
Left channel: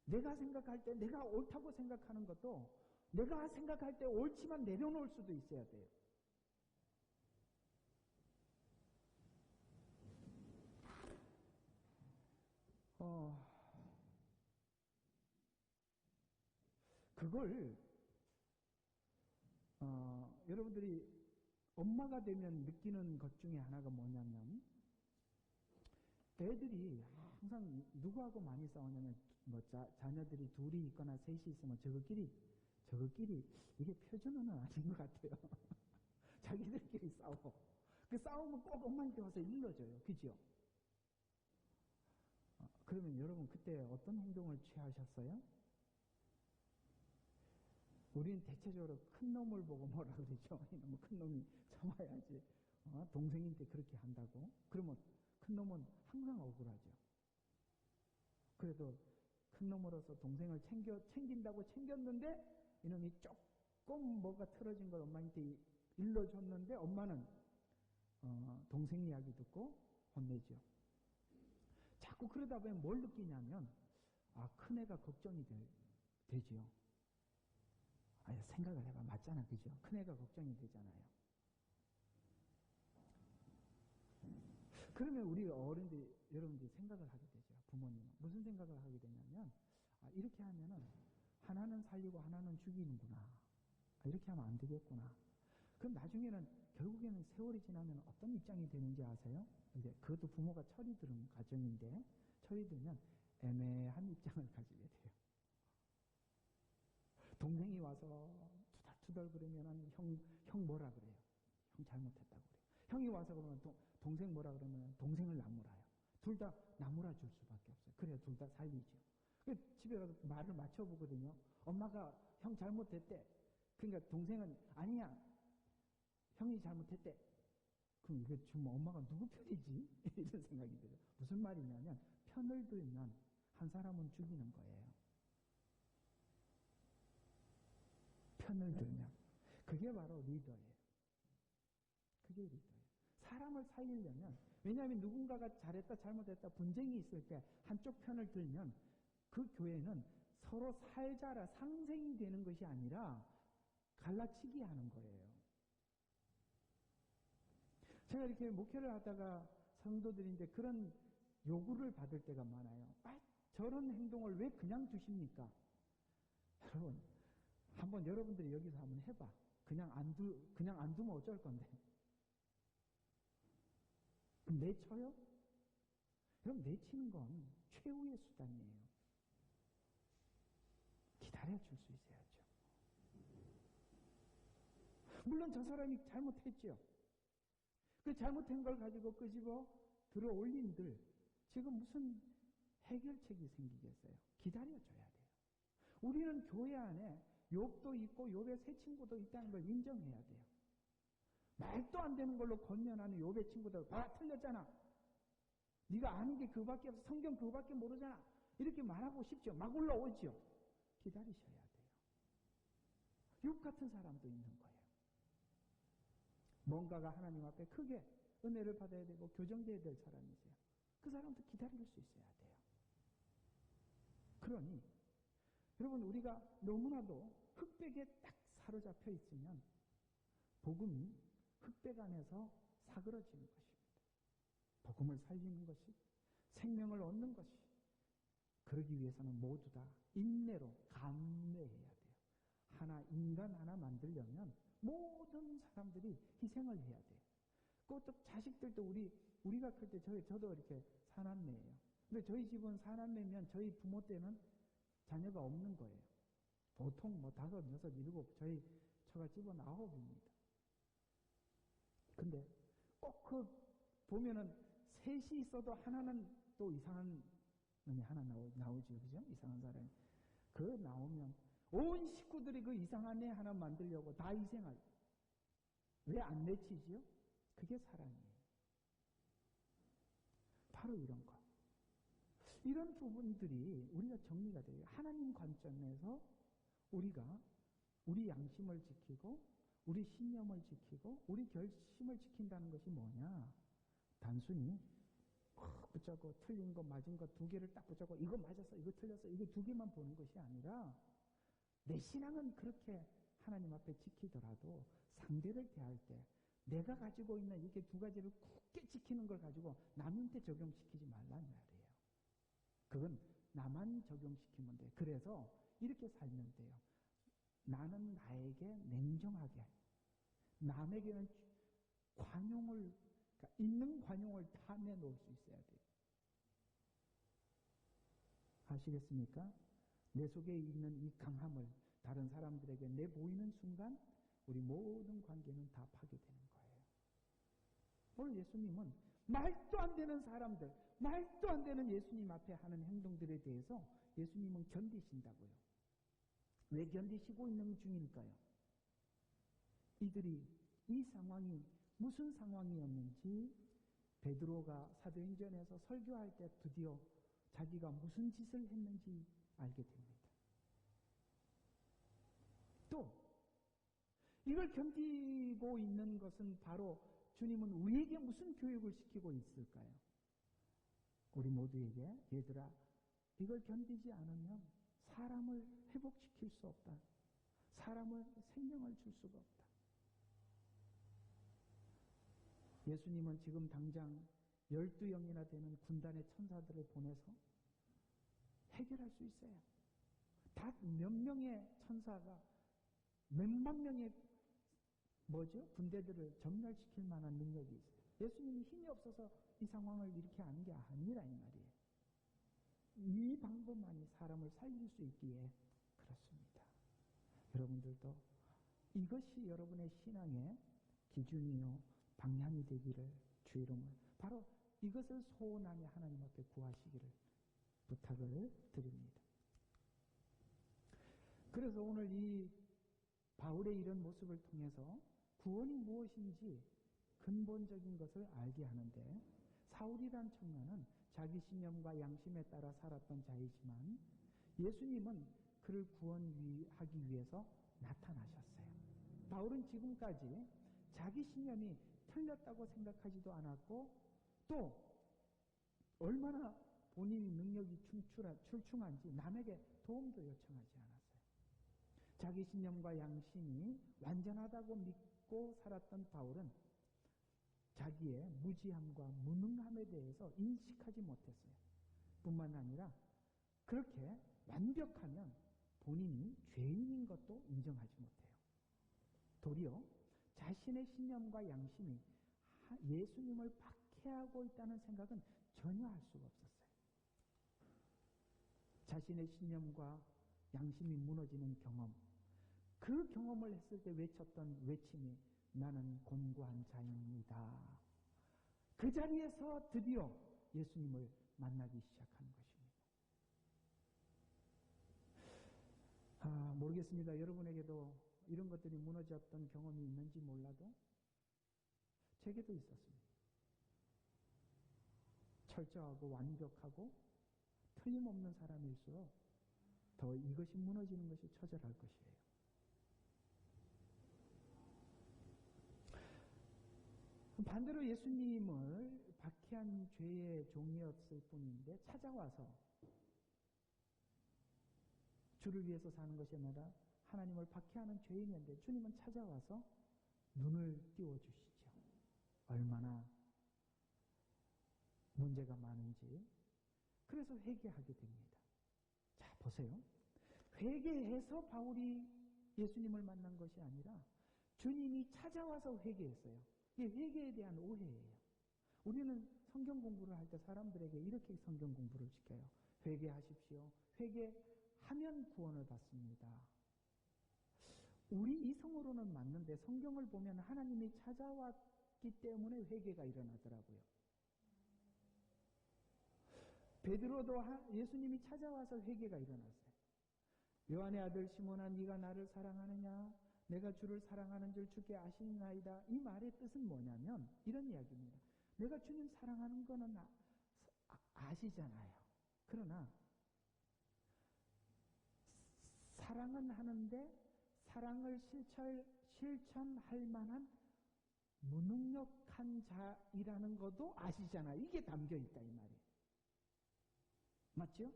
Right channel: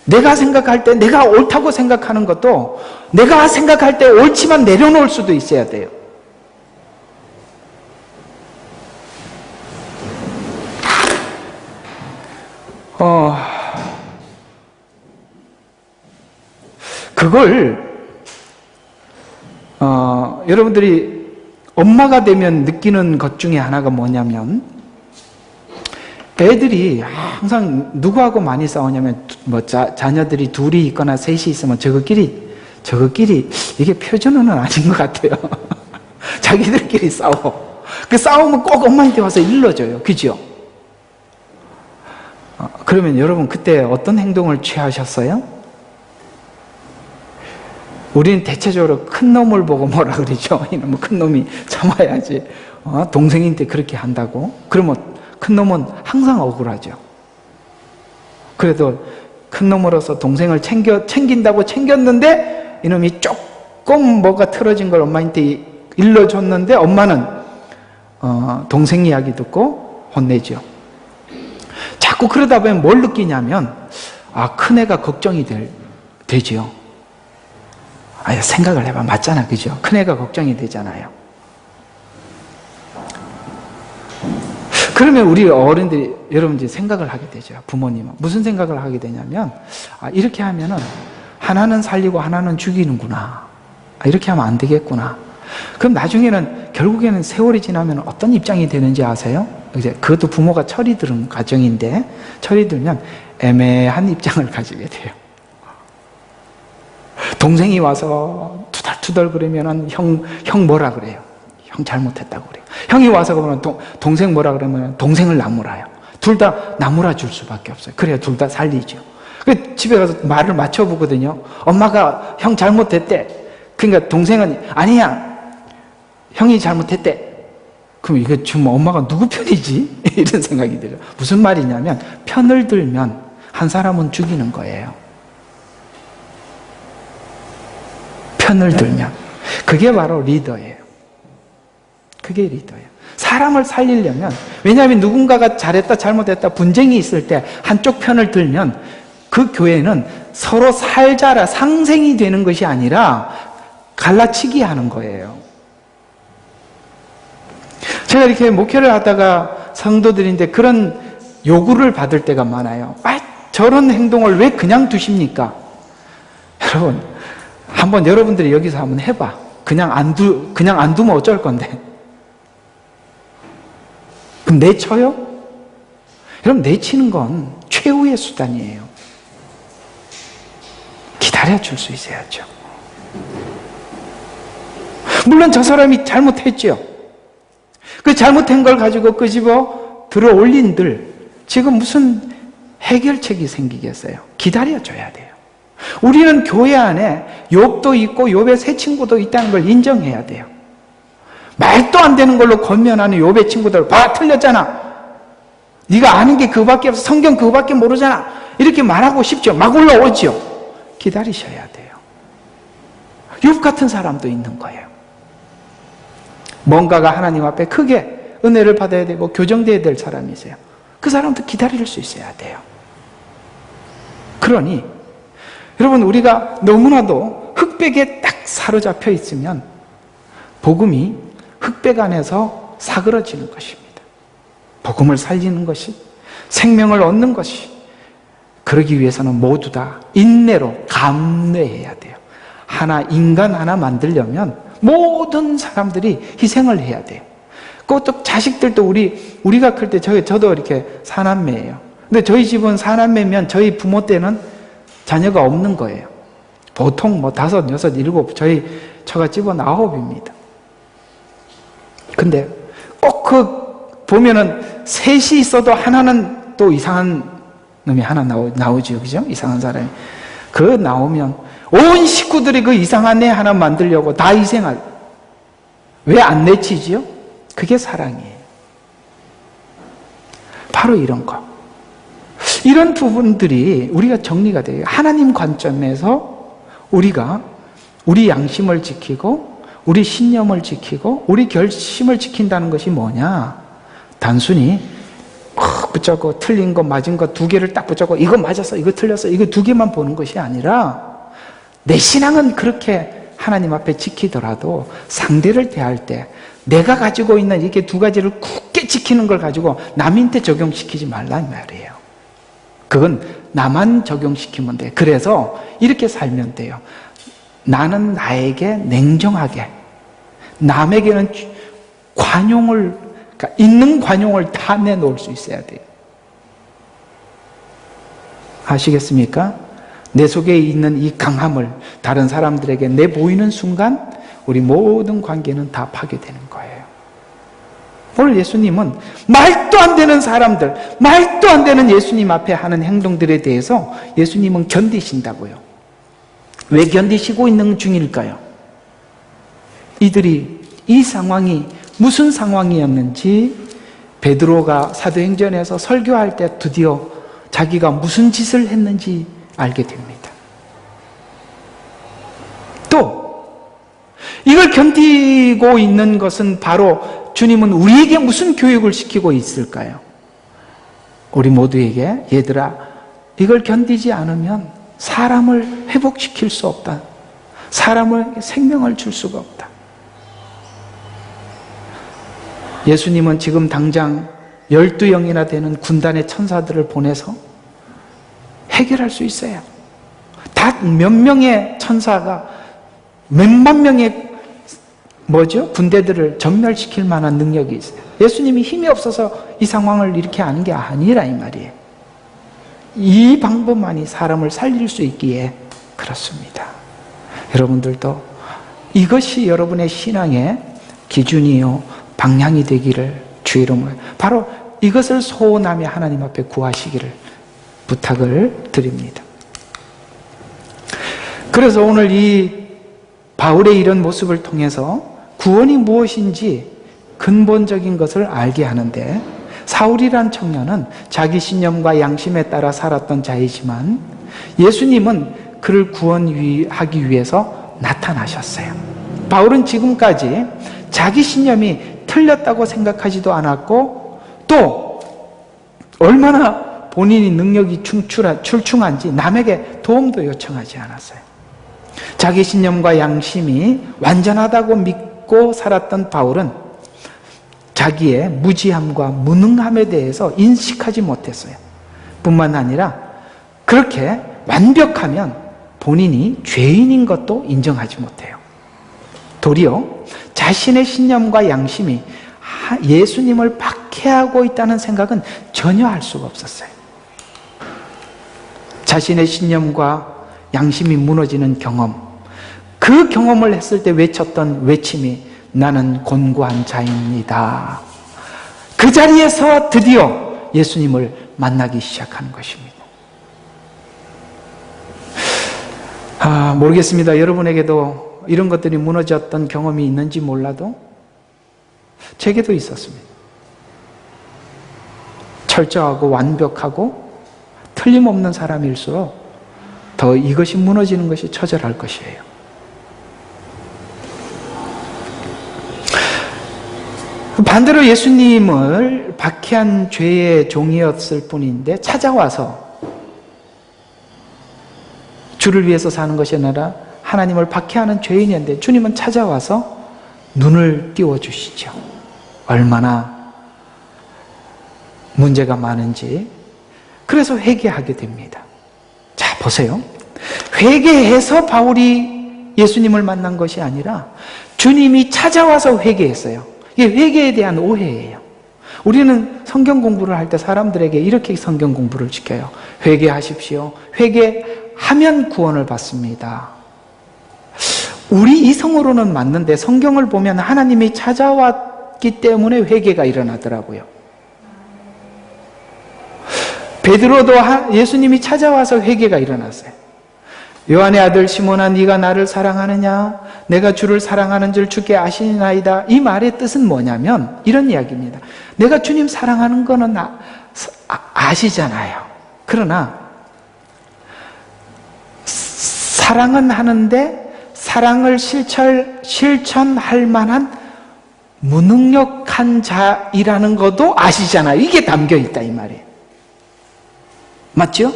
내가 생각할 때 내가 옳다고 생각하는 것도 내가 생각할 때 옳지만 내려놓을 수도 있어야 돼요. 그걸 여러분들이 엄마가 되면 느끼는 것 중에 하나가 뭐냐면, 애들이 항상 누구하고 많이 싸우냐면 자녀들이 둘이 있거나 셋이 있으면 저거끼리 이게 표준어는 아닌 것 같아요. 자기들끼리 싸워. 그 싸우면 꼭 엄마한테 와서 일러줘요. 그죠? 그러면 여러분 그때 어떤 행동을 취하셨어요? 우리는 대체적으로 큰 놈을 보고 뭐라 그러죠? 이놈은 큰 놈이 참아야지. 동생인데 그렇게 한다고? 그러면 큰 놈은 항상 억울하죠. 그래도 큰 놈으로서 동생을 챙긴다고 챙겼는데 이놈이 조금 뭐가 틀어진 걸 엄마한테 일러줬는데 엄마는 동생 이야기 듣고 혼내죠. 자꾸 그러다 보면 뭘 느끼냐면 큰애가 걱정이 되죠. 생각을 해봐. 맞잖아, 그죠? 큰애가 걱정이 되잖아요. 그러면 우리 어른들이, 여러분들이 생각을 하게 되죠. 부모님은 무슨 생각을 하게 되냐면 이렇게 하면은 하나는 살리고 하나는 죽이는구나. 이렇게 하면 안 되겠구나. 그럼 나중에는 결국에는 세월이 지나면 어떤 입장이 되는지 아세요? 이제 그것도 부모가 철이 들은 가정인데, 철이 들면 애매한 입장을 가지게 돼요. 동생이 와서 투덜투덜 그러면은 형 뭐라 그래요? 형 잘못했다고 그래요. 형이 와서 그러면 동생 뭐라 그러면 동생을 나무라요. 둘 다 나무라 줄 수밖에 없어요. 그래야 둘 다 살리죠. 집에 가서 말을 맞춰보거든요. 엄마가 형 잘못했대. 그러니까 동생은 아니야, 형이 잘못했대. 그럼 이거 지금 엄마가 누구 편이지? 이런 생각이 들어요. 무슨 말이냐면 편을 들면 한 사람은 죽이는 거예요. 편을 들면. 그게 바로 리더예요. 그게 리더예요. 사람을 살리려면, 왜냐하면 누군가가 잘했다 잘못했다 분쟁이 있을 때 한쪽 편을 들면 그 교회는 서로 살자라 상생이 되는 것이 아니라 갈라치기 하는 거예요. 제가 이렇게 목회를 하다가 성도들인데 그런 요구를 받을 때가 많아요. 저런 행동을 왜 그냥 두십니까? 여러분, 한번 여러분들이 여기서 한번 해봐. 그냥 안 두면 어쩔 건데. 그럼 내쳐요? 여러분, 내치는 건 최후의 수단이에요. 기다려줄 수 있어야죠. 물론 저 사람이 잘못했죠. 그 잘못한 걸 가지고 끄집어 들어 올린들 지금 무슨 해결책이 생기겠어요? 기다려줘야 돼요. 우리는 교회 안에 욥도 있고 욥의 새 친구도 있다는 걸 인정해야 돼요. 말도 안 되는 걸로 권면하는 욥의 친구들, 봐, 틀렸잖아. 네가 아는 게 그거밖에 없어. 성경 그거밖에 모르잖아. 이렇게 말하고 싶죠. 막 올라오죠. 기다리셔야 돼요. 욥 같은 사람도 있는 거예요. 뭔가가 하나님 앞에 크게 은혜를 받아야 되고 교정돼야 될 사람이세요. 그 사람도 기다릴 수 있어야 돼요. 그러니 여러분, 우리가 너무나도 흑백에 딱 사로잡혀 있으면 복음이 흑백 안에서 사그러지는 것입니다. 복음을 살리는 것이, 생명을 얻는 것이, 그러기 위해서는 모두 다 인내로 감내해야 돼요. 인간 하나 만들려면 모든 사람들이 희생을 해야 돼요. 그것도 자식들도 우리가 클 때 저도 이렇게 사남매예요. 근데 저희 집은 사남매면 저희 부모 때는 자녀가 없는 거예요. 보통 5, 6, 7, 처갓집은 9입니다. 근데 꼭 보면은 셋이 있어도 하나는 또 이상한 놈이 하나 나오죠. 그죠? 이상한 사람이. 나오면 온 식구들이 그 이상한 애 하나 만들려고 다 희생할. 왜 안 내치지요? 그게 사랑이에요. 바로 이런 거. 이런 부분들이 우리가 정리가 돼요. 하나님 관점에서 우리가 우리 양심을 지키고 우리 신념을 지키고 우리 결심을 지킨다는 것이 뭐냐? 단순히 붙잡고 틀린 거 맞은 거 2개를 딱 붙잡고 이거 맞았어, 이거 틀렸어, 이거 2개만 보는 것이 아니라 내 신앙은 그렇게 하나님 앞에 지키더라도 상대를 대할 때 내가 가지고 있는 이렇게 2가지를 굳게 지키는 걸 가지고 남한테 적용시키지 말란 말이에요. 그건 나만 적용시키면 돼. 그래서 이렇게 살면 돼요. 나는 나에게 냉정하게, 남에게는 관용을, 그러니까 있는 관용을 다 내놓을 수 있어야 돼요. 아시겠습니까? 내 속에 있는 이 강함을 다른 사람들에게 내보이는 순간 우리 모든 관계는 다 파괴되는 거예요. 오늘 예수님은 말도 안 되는 사람들, 말도 안 되는 예수님 앞에 하는 행동들에 대해서 예수님은 견디신다고요. 왜 견디시고 있는 중일까요? 이들이 이 상황이 무슨 상황이었는지 베드로가 사도행전에서 설교할 때 드디어 자기가 무슨 짓을 했는지 알게 됩니다. 또 이걸 견디고 있는 것은 바로 주님은 우리에게 무슨 교육을 시키고 있을까요? 우리 모두에게, 얘들아, 이걸 견디지 않으면 사람을 회복시킬 수 없다. 사람을 생명을 줄 수가 없다. 예수님은 지금 당장 12영이나 되는 군단의 천사들을 보내서 해결할 수 있어요. 다 몇 명의 천사가 몇만 명의 군대들을 전멸시킬 만한 능력이 있어요. 예수님이 힘이 없어서 이 상황을 이렇게 하는 게 아니라 이 말이에요. 이 방법만이 사람을 살릴 수 있기에 그렇습니다. 여러분들도 이것이 여러분의 신앙의 기준이요 방향이 되기를 주 이름으로 바로 이것을 소원하며 하나님 앞에 구하시기를 부탁을 드립니다. 그래서 오늘 이 바울의 이런 모습을 통해서 구원이 무엇인지 근본적인 것을 알게 하는데, 사울이란 청년은 자기 신념과 양심에 따라 살았던 자이지만 예수님은 그를 구원하기 위해서 나타나셨어요. 바울은 지금까지 자기 신념이 틀렸다고 생각하지도 않았고 또 얼마나 본인이 능력이 출중한지 남에게 도움도 요청하지 않았어요. 자기 신념과 양심이 완전하다고 믿고 살았던 바울은 자기의 무지함과 무능함에 대해서 인식하지 못했어요. 뿐만 아니라 그렇게 완벽하면 본인이 죄인인 것도 인정하지 못해요. 도리어 자신의 신념과 양심이 예수님을 박해하고 있다는 생각은 전혀 할 수가 없었어요. 자신의 신념과 양심이 무너지는 경험, 그 경험을 했을 때 외쳤던 외침이 나는 곤고한 자입니다. 그 자리에서 드디어 예수님을 만나기 시작한 것입니다. 모르겠습니다. 여러분에게도 이런 것들이 무너졌던 경험이 있는지 몰라도 제게도 있었습니다. 철저하고 완벽하고 틀림없는 사람일수록 더 이것이 무너지는 것이 처절할 것이에요. 반대로 예수님을 박해한 죄의 종이었을 뿐인데 찾아와서 주를 위해서 사는 것이 아니라 하나님을 박해하는 죄인이었는데 주님은 찾아와서 눈을 띄워주시죠. 얼마나 문제가 많은지. 그래서 회개하게 됩니다. 자, 보세요. 회개해서 바울이 예수님을 만난 것이 아니라 주님이 찾아와서 회개했어요. 이게 회개에 대한 오해예요. 우리는 성경 공부를 할 때 사람들에게 이렇게 성경 공부를 시켜요. 회개하십시오. 회개하면 구원을 받습니다. 우리 이성으로는 맞는데 성경을 보면 하나님이 찾아왔기 때문에 회개가 일어나더라고요. 베드로도 예수님이 찾아와서 회개가 일어났어요. 요한의 아들 시몬아, 네가 나를 사랑하느냐? 내가 주를 사랑하는 줄 주께 아시나이다. 이 말의 뜻은 뭐냐면 이런 이야기입니다. 내가 주님 사랑하는 거는 아시잖아요. 그러나 사랑은 하는데 사랑을 실천할 만한 무능력한 자이라는 것도 아시잖아요. 이게 담겨있다 이 말이에요. 맞죠?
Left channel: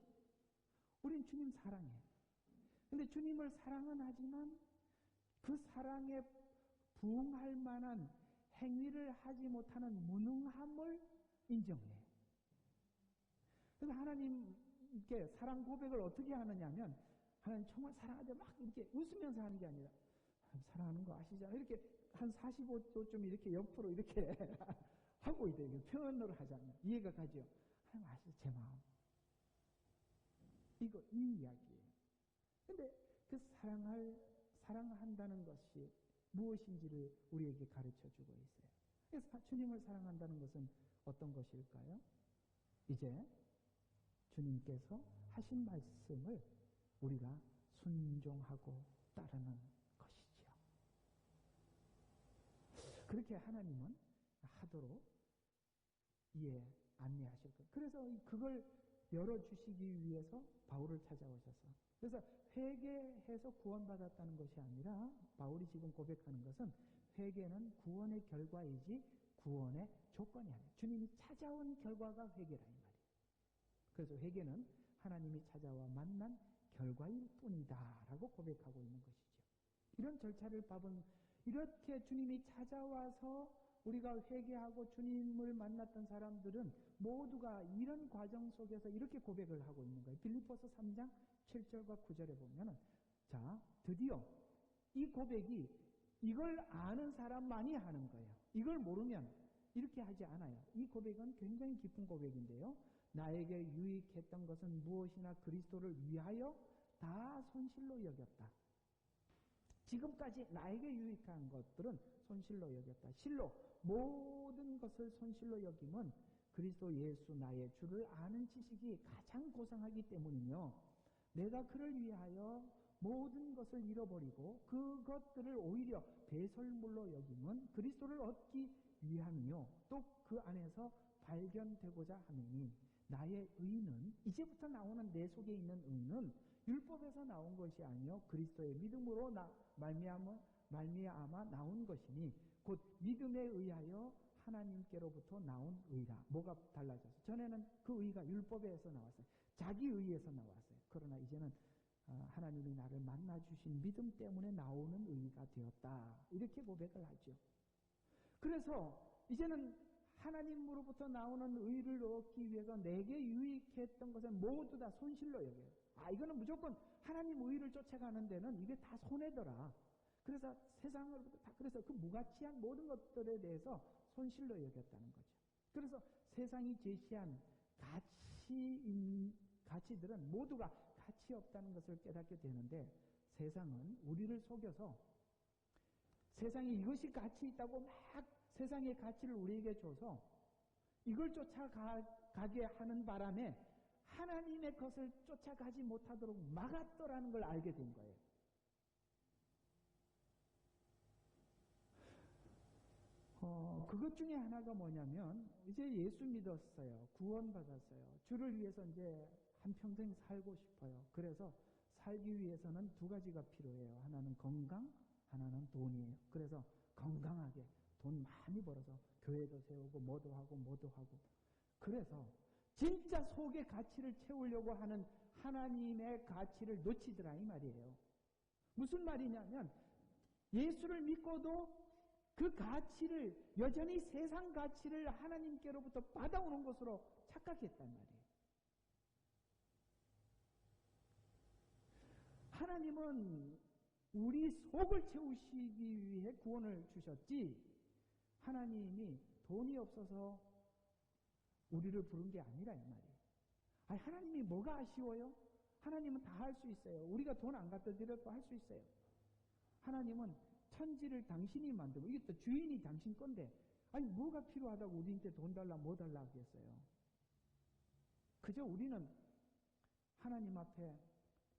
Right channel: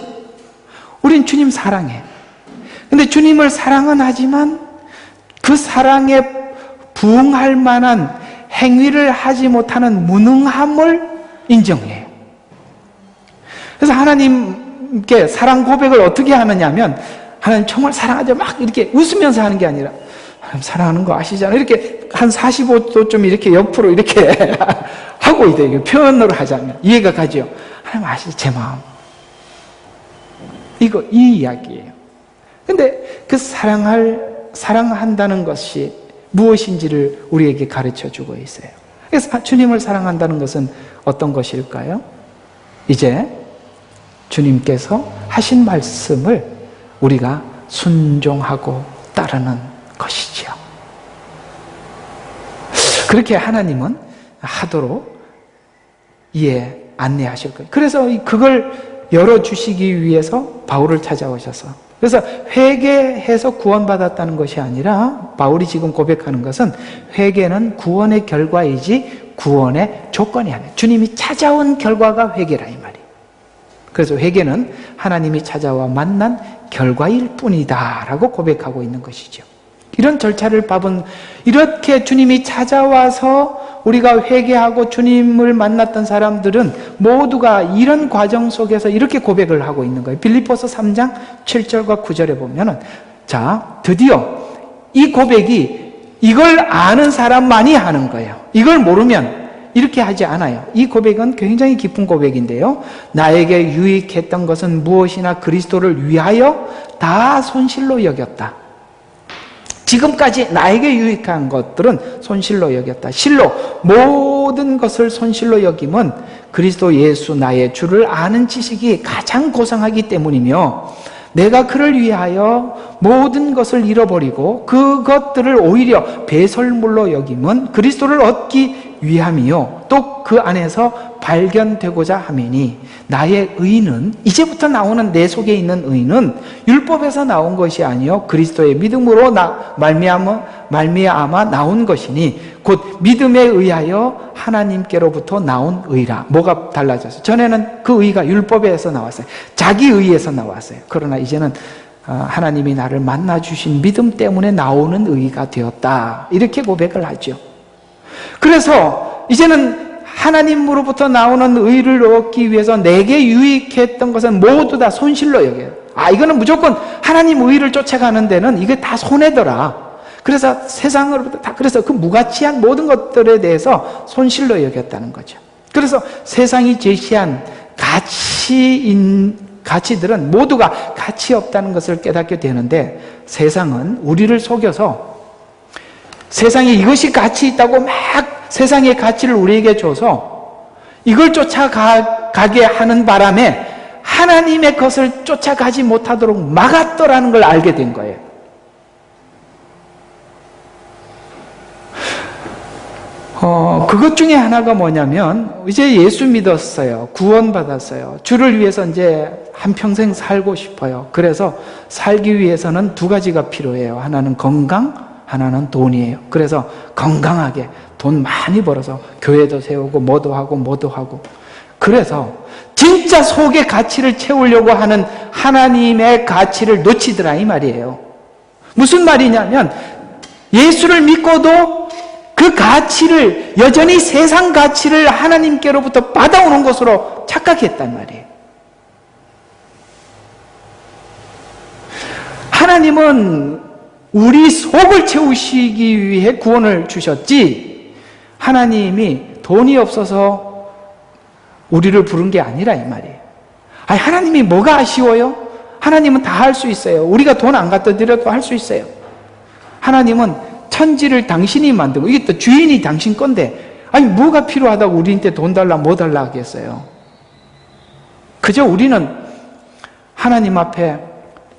우린 주님 사랑해. 근데 주님을 사랑은 하지만 그 사랑에 부응할 만한 행위를 하지 못하는 무능함을 인정해요. 그래서 하나님께 사랑 고백을 어떻게 하느냐면 하나님 정말 사랑하죠. 막 이렇게 웃으면서 하는 게 아니라 하나님 사랑하는 거 아시잖아요. 이렇게 한 45도쯤 이렇게 옆으로 이렇게 하고 있대요. 표현으로 하자면 이해가 가죠. 하나님 아시죠? 제 마음. 이 이야기예요. 근데 그 사랑한다는 것이 무엇인지를 우리에게 가르쳐 주고 있어요. 그래서 주님을 사랑한다는 것은 어떤 것일까요? 이제 주님께서 하신 말씀을 우리가 순종하고 따르는 것이지요. 그렇게 하나님은 하도록 안내하실 거예요. 그래서 그걸 열어주시기 위해서 바울을 찾아오셔서, 그래서 회개해서 구원받았다는 것이 아니라 바울이 지금 고백하는 것은 회개는 구원의 결과이지 구원의 조건이 아니에요. 주님이 찾아온 결과가 회개라 이 말이에요. 그래서 회개는 하나님이 찾아와 만난 결과일 뿐이다 라고 고백하고 있는 것이죠. 이런 절차를 밟은, 이렇게 주님이 찾아와서 우리가 회개하고 주님을 만났던 사람들은 모두가 이런 과정 속에서 이렇게 고백을 하고 있는 거예요. 빌립보서 3장 7절과 9절에 보면은, 자, 드디어 이 고백이 이걸 아는 사람만이 하는 거예요. 이걸 모르면 이렇게 하지 않아요. 이 고백은 굉장히 깊은 고백인데요. 나에게 유익했던 것은 무엇이나 그리스도를 위하여 다 손실로 여겼다. 지금까지 나에게 유익한 것들은 손실로 여겼다. 실로 모든 것을 손실로 여김은 그리스도 예수 나의 주를 아는 지식이 가장 고상하기 때문이며, 내가 그를 위하여 모든 것을 잃어버리고 그것들을 오히려 배설물로 여김은 그리스도를 얻기 위함이요 또 그 안에서 발견되고자 함이니 나의 의는 이제부터 나오는 내 속에 있는 의는 율법에서 나온 것이 아니요 그리스도의 믿음으로 말미암아 나온 것이니 곧 믿음에 의하여 하나님께로부터 나온 의라. 뭐가 달라졌어요? 전에는 그 의가 율법에서 나왔어요. 자기 의에서 나왔어요. 그러나 이제는 하나님이 나를 만나 주신 믿음 때문에 나오는 의가 되었다. 이렇게 고백을 하죠. 그래서 이제는 하나님으로부터 나오는 의를 얻기 위해서 내게 유익했던 것은 모두 다 손실로 여겨요. 이거는 무조건 하나님 의를 쫓아가는 데는 이게 다 손해더라. 그래서 세상으로부터 다, 그래서 그 무가치한 모든 것들에 대해서 손실로 여겼다는 거죠. 그래서 세상이 제시한 가치들은 모두가 가치 없다는 것을 깨닫게 되는데, 세상은 우리를 속여서 세상에 이것이 가치 있다고 막 세상의 가치를 우리에게 줘서 이걸 쫓아가게 하는 바람에 하나님의 것을 쫓아가지 못하도록 막았더라는 걸 알게 된 거예요. 그것 중에 하나가 뭐냐면, 이제 예수 믿었어요. 구원받았어요. 주를 위해서 이제 한평생 살고 싶어요. 그래서 살기 위해서는 두 가지가 필요해요. 하나는 건강, 하나는 돈이에요. 그래서 건강하게 돈 많이 벌어서 교회도 세우고 뭐도 하고 그래서 진짜 속의 가치를 채우려고 하는 하나님의 가치를 놓치더라 이 말이에요. 무슨 말이냐면, 예수를 믿고도 그 가치를 여전히 세상 가치를 하나님께로부터 받아오는 것으로 착각했단 말이에요. 하나님은 우리 속을 채우시기 위해 구원을 주셨지, 하나님이 돈이 없어서 우리를 부른 게 아니라 이 말이에요. 하나님이 뭐가 아쉬워요? 하나님은 다 할 수 있어요. 우리가 돈 안 갖다 드려도 할 수 있어요. 하나님은 천지를 당신이 만들고, 이게 또 주인이 당신 건데, 뭐가 필요하다고 우리한테 돈 달라 뭐 달라 하겠어요? 그저 우리는 하나님 앞에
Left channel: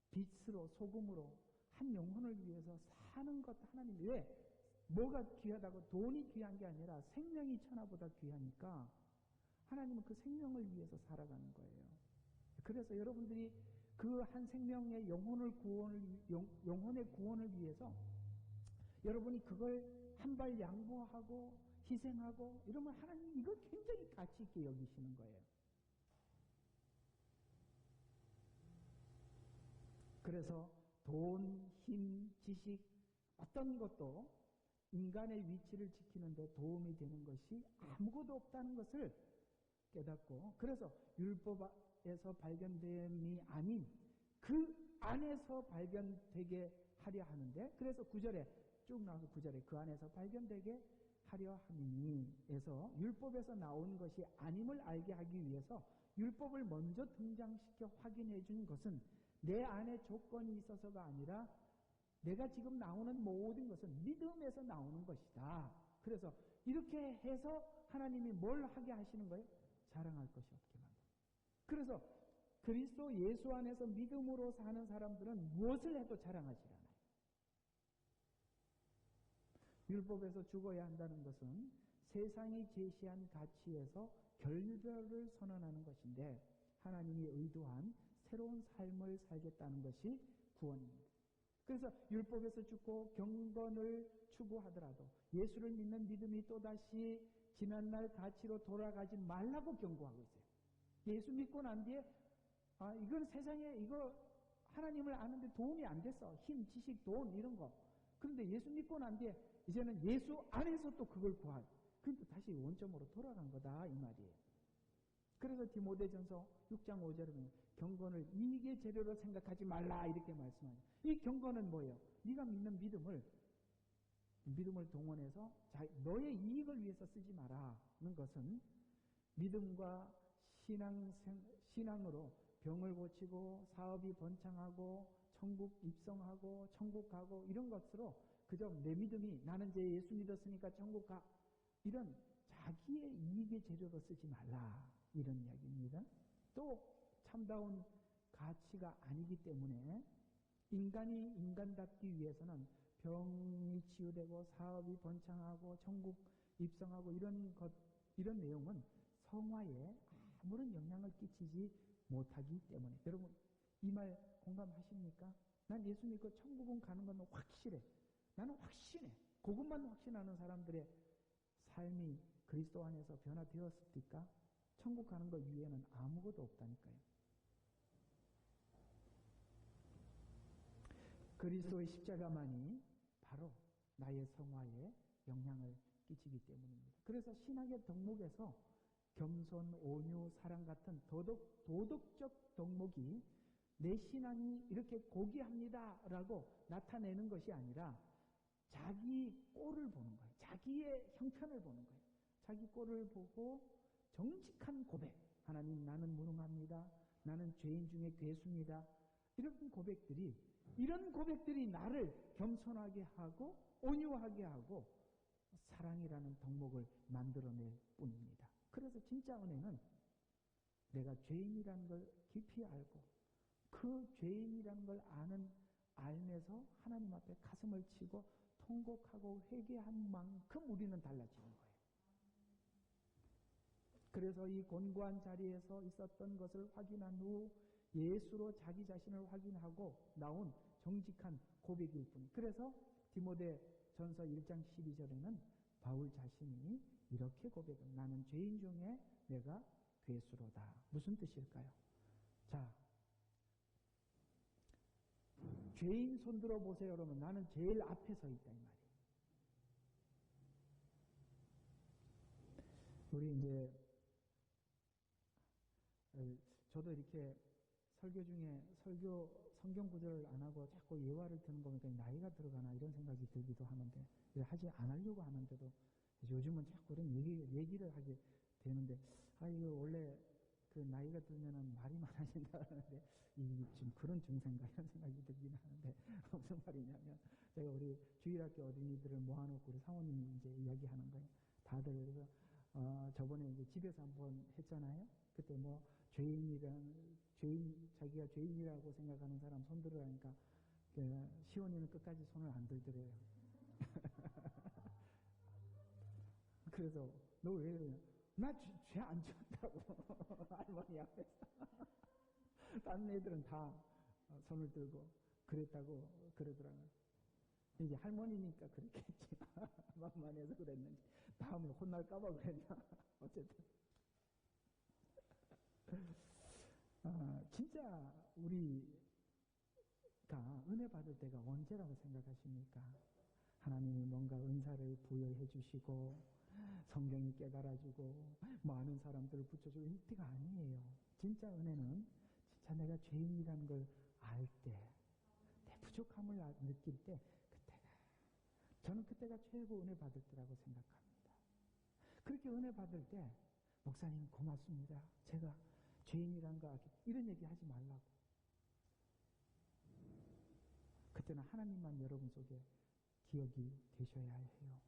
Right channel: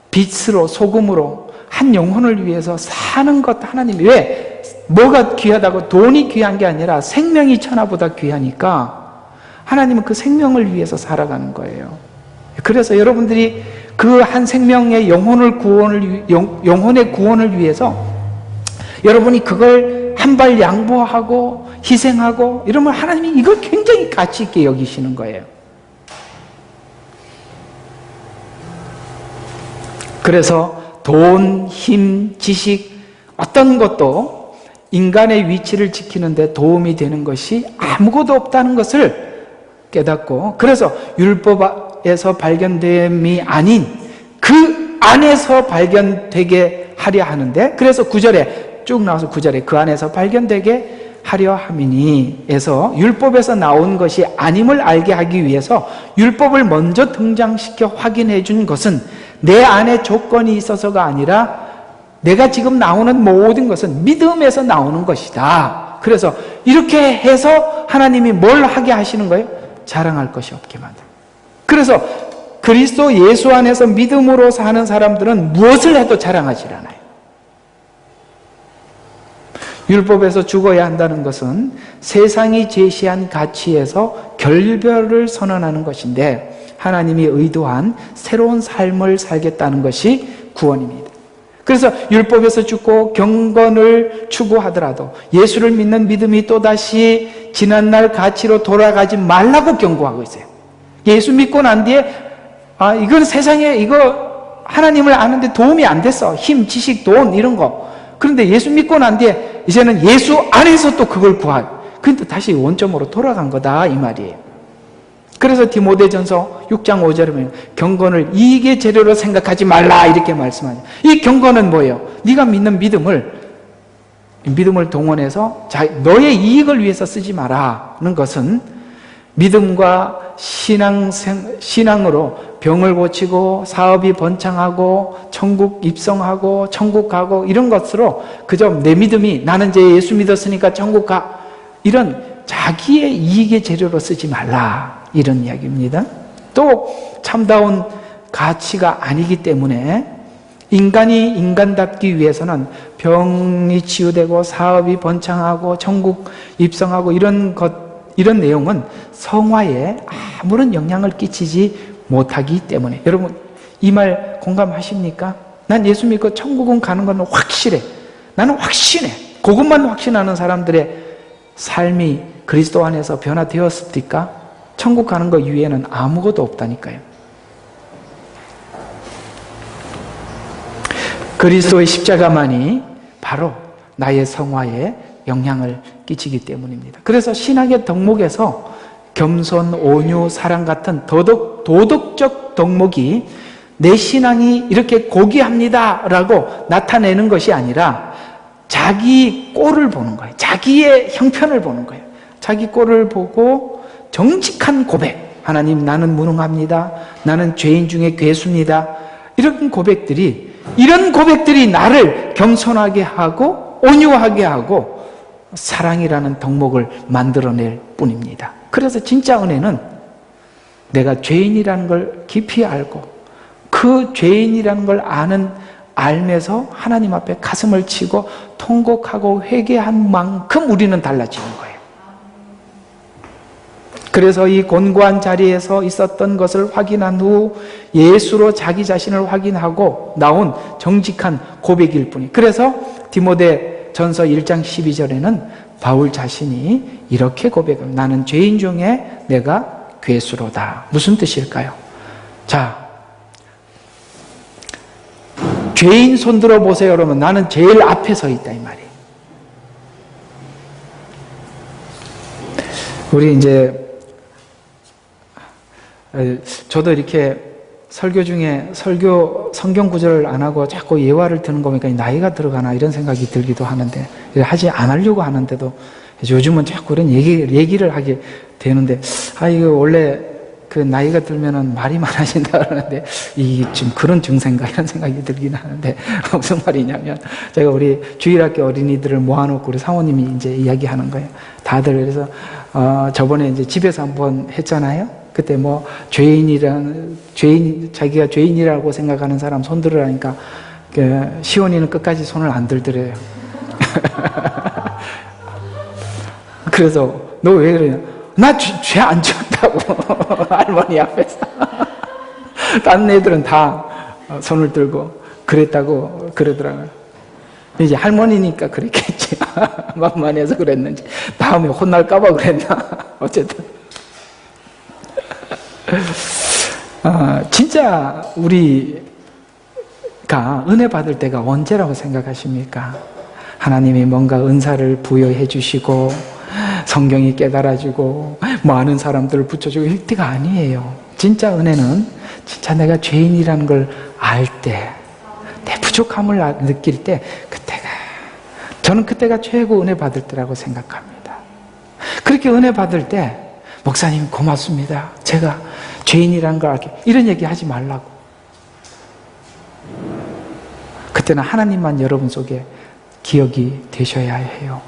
빛으로 소금으로 한 영혼을 위해서 사는 것. 하나님이 왜? 뭐가 귀하다고? 돈이 귀한 게 아니라 생명이 천하보다 귀하니까 하나님은 그 생명을 위해서 살아가는 거예요. 그래서 여러분들이 그 한 생명의 영혼의 구원을 위해서 여러분이 그걸 한 발 양보하고 희생하고 이러면 하나님이 이걸 굉장히 가치 있게 여기시는 거예요. 그래서 돈, 힘, 지식, 어떤 것도 인간의 위치를 지키는데 도움이 되는 것이 아무것도 없다는 것을 깨닫고, 그래서 율법에서 발견됨이 아닌 그 안에서 발견되게 하려 하는데, 그래서 9절에 쭉 나와서 9절에 그 안에서 발견되게 하려 함이니 에서 율법에서 나온 것이 아님을 알게 하기 위해서 율법을 먼저 등장시켜 확인해 준 것은 내 안에 조건이 있어서가 아니라 내가 지금 나오는 모든 것은 믿음에서 나오는 것이다. 그래서 이렇게 해서 하나님이 뭘 하게 하시는 거예요? 자랑할 것이 없게 만들어요. 그래서 그리스도 예수 안에서 믿음으로 사는 사람들은 무엇을 해도 자랑하지 않아요. 율법에서 죽어야 한다는 것은 세상이 제시한 가치에서 결별을 선언하는 것인데, 하나님이 의도한 새로운 삶을 살겠다는 것이 구원입니다. 그래서 율법에서 죽고 경건을 추구하더라도 예수를 믿는 믿음이 또다시 지난날 가치로 돌아가지 말라고 경고하고 있어요. 예수 믿고 난 뒤에 이건 세상에 이거 하나님을 아는데 도움이 안 됐어. 힘, 지식, 돈 이런 거. 그런데 예수 믿고 난 뒤에 이제는 예수 안에서 또 그걸 구할. 그런데 다시 원점으로 돌아간 거다 이 말이에요. 그래서 디모데전서 6장 5절에 보면 경건을 이익의 재료로 생각하지 말라 이렇게 말씀하죠. 이 경건은 뭐예요? 네가 믿는 믿음을 동원해서 너의 이익을 위해서 쓰지 마라는 것은 믿음과 신앙으로 병을 고치고 사업이 번창하고 천국 입성하고 천국 가고 이런 것으로 그저 내 믿음이 나는 이제 예수 믿었으니까 천국 가, 이런 자기의 이익의 재료로 쓰지 말라 이런 이야기입니다. 또 참다운 가치가 아니기 때문에 인간이 인간답기 위해서는 병이 치유되고 사업이 번창하고 천국 입성하고 이런 내용은 성화에 아무런 영향을 끼치지 못하기 때문에. 여러분, 이 말 공감하십니까? 난 예수 믿고 천국은 가는 건 확실해. 나는 확신해. 그것만 확신하는 사람들의 삶이 그리스도 안에서 변화되었습니까? 천국 가는 것 이외에는 아무것도 없다니까요. 그리스도의 십자가만이 바로 나의 성화에 영향을 끼치기 때문입니다. 그래서 신학의 덕목에서 겸손, 온유, 사랑 같은 도덕적 덕목이 내 신앙이 이렇게 고귀합니다 라고 나타내는 것이 아니라 자기 꼴을 보는 거예요. 자기의 형편을 보는 거예요. 자기 꼴을 보고 정직한 고백. 하나님, 나는 무능합니다. 나는 죄인 중에 괴수입니다. 이런 고백들이 나를 겸손하게 하고 온유하게 하고 사랑이라는 덕목을 만들어낼 뿐입니다. 그래서 진짜 은혜는 내가 죄인이라는 걸 깊이 알고 그 죄인이라는 걸 알면서 하나님 앞에 가슴을 치고 통곡하고 회개한 만큼 우리는 달라지는 거예요. 그래서 이 곤고한 자리에서 있었던 것을 확인한 후 예수로 자기 자신을 확인하고 나온 정직한 고백일 뿐이. 그래서 디모데 전서 1장 12절에는 바울 자신이 이렇게 고백합니다. 나는 죄인 중에 내가 괴수로다. 무슨 뜻일까요? 자, 죄인 손들어 보세요. 그러면 나는 제일 앞에 서 있다 이 말이에요. 우리 이제 저도 이렇게 설교 중에 성경 구절을 안 하고 자꾸 예화를 드는 거 보니까 나이가 들어가나 이런 생각이 들기도 하는데 하지 안 하려고 하는데도 요즘은 자꾸 이런 얘기를 하게 되는데 이거 원래 그 나이가 들면은 말이 많아진다 그러는데 이 지금 그런 증세인가 이런 생각이 들긴 하는데 무슨 말이냐면 제가 우리 주일학교 어린이들을 모아놓고 우리 사모님이 이제 이야기하는 거예요. 다들 그래서 저번에 이제 집에서 한번 했잖아요. 그때 뭐 자기가 죄인이라고 생각하는 사람 손 들으라니까 시온이는 끝까지 손을 안 들더래요. 그래서 너 왜 그러냐? 나 죄 안 지었다고 할머니 앞에서. 다른 애들은 다 손을 들고 그랬다고 그러더라고요. 이제 할머니니까 그랬겠지. 만만해서 그랬는지 다음에 혼날까봐 그랬나. 어쨌든 진짜 우리가 은혜 받을 때가 언제라고 생각하십니까? 하나님이 뭔가 은사를 부여해 주시고 성경이 깨달아지고 많은 사람들을 붙여주고 이때가 아니에요. 진짜 은혜는 진짜 내가 죄인이라는 걸 알 때, 내 부족함을 느낄 때 저는 그때가 최고 은혜 받을 때라고 생각합니다. 그렇게 은혜 받을 때 목사님 고맙습니다. 제가 죄인이라는 걸 알게 이런 얘기 하지 말라고. 그때는 하나님만 여러분 속에 기억이 되셔야 해요.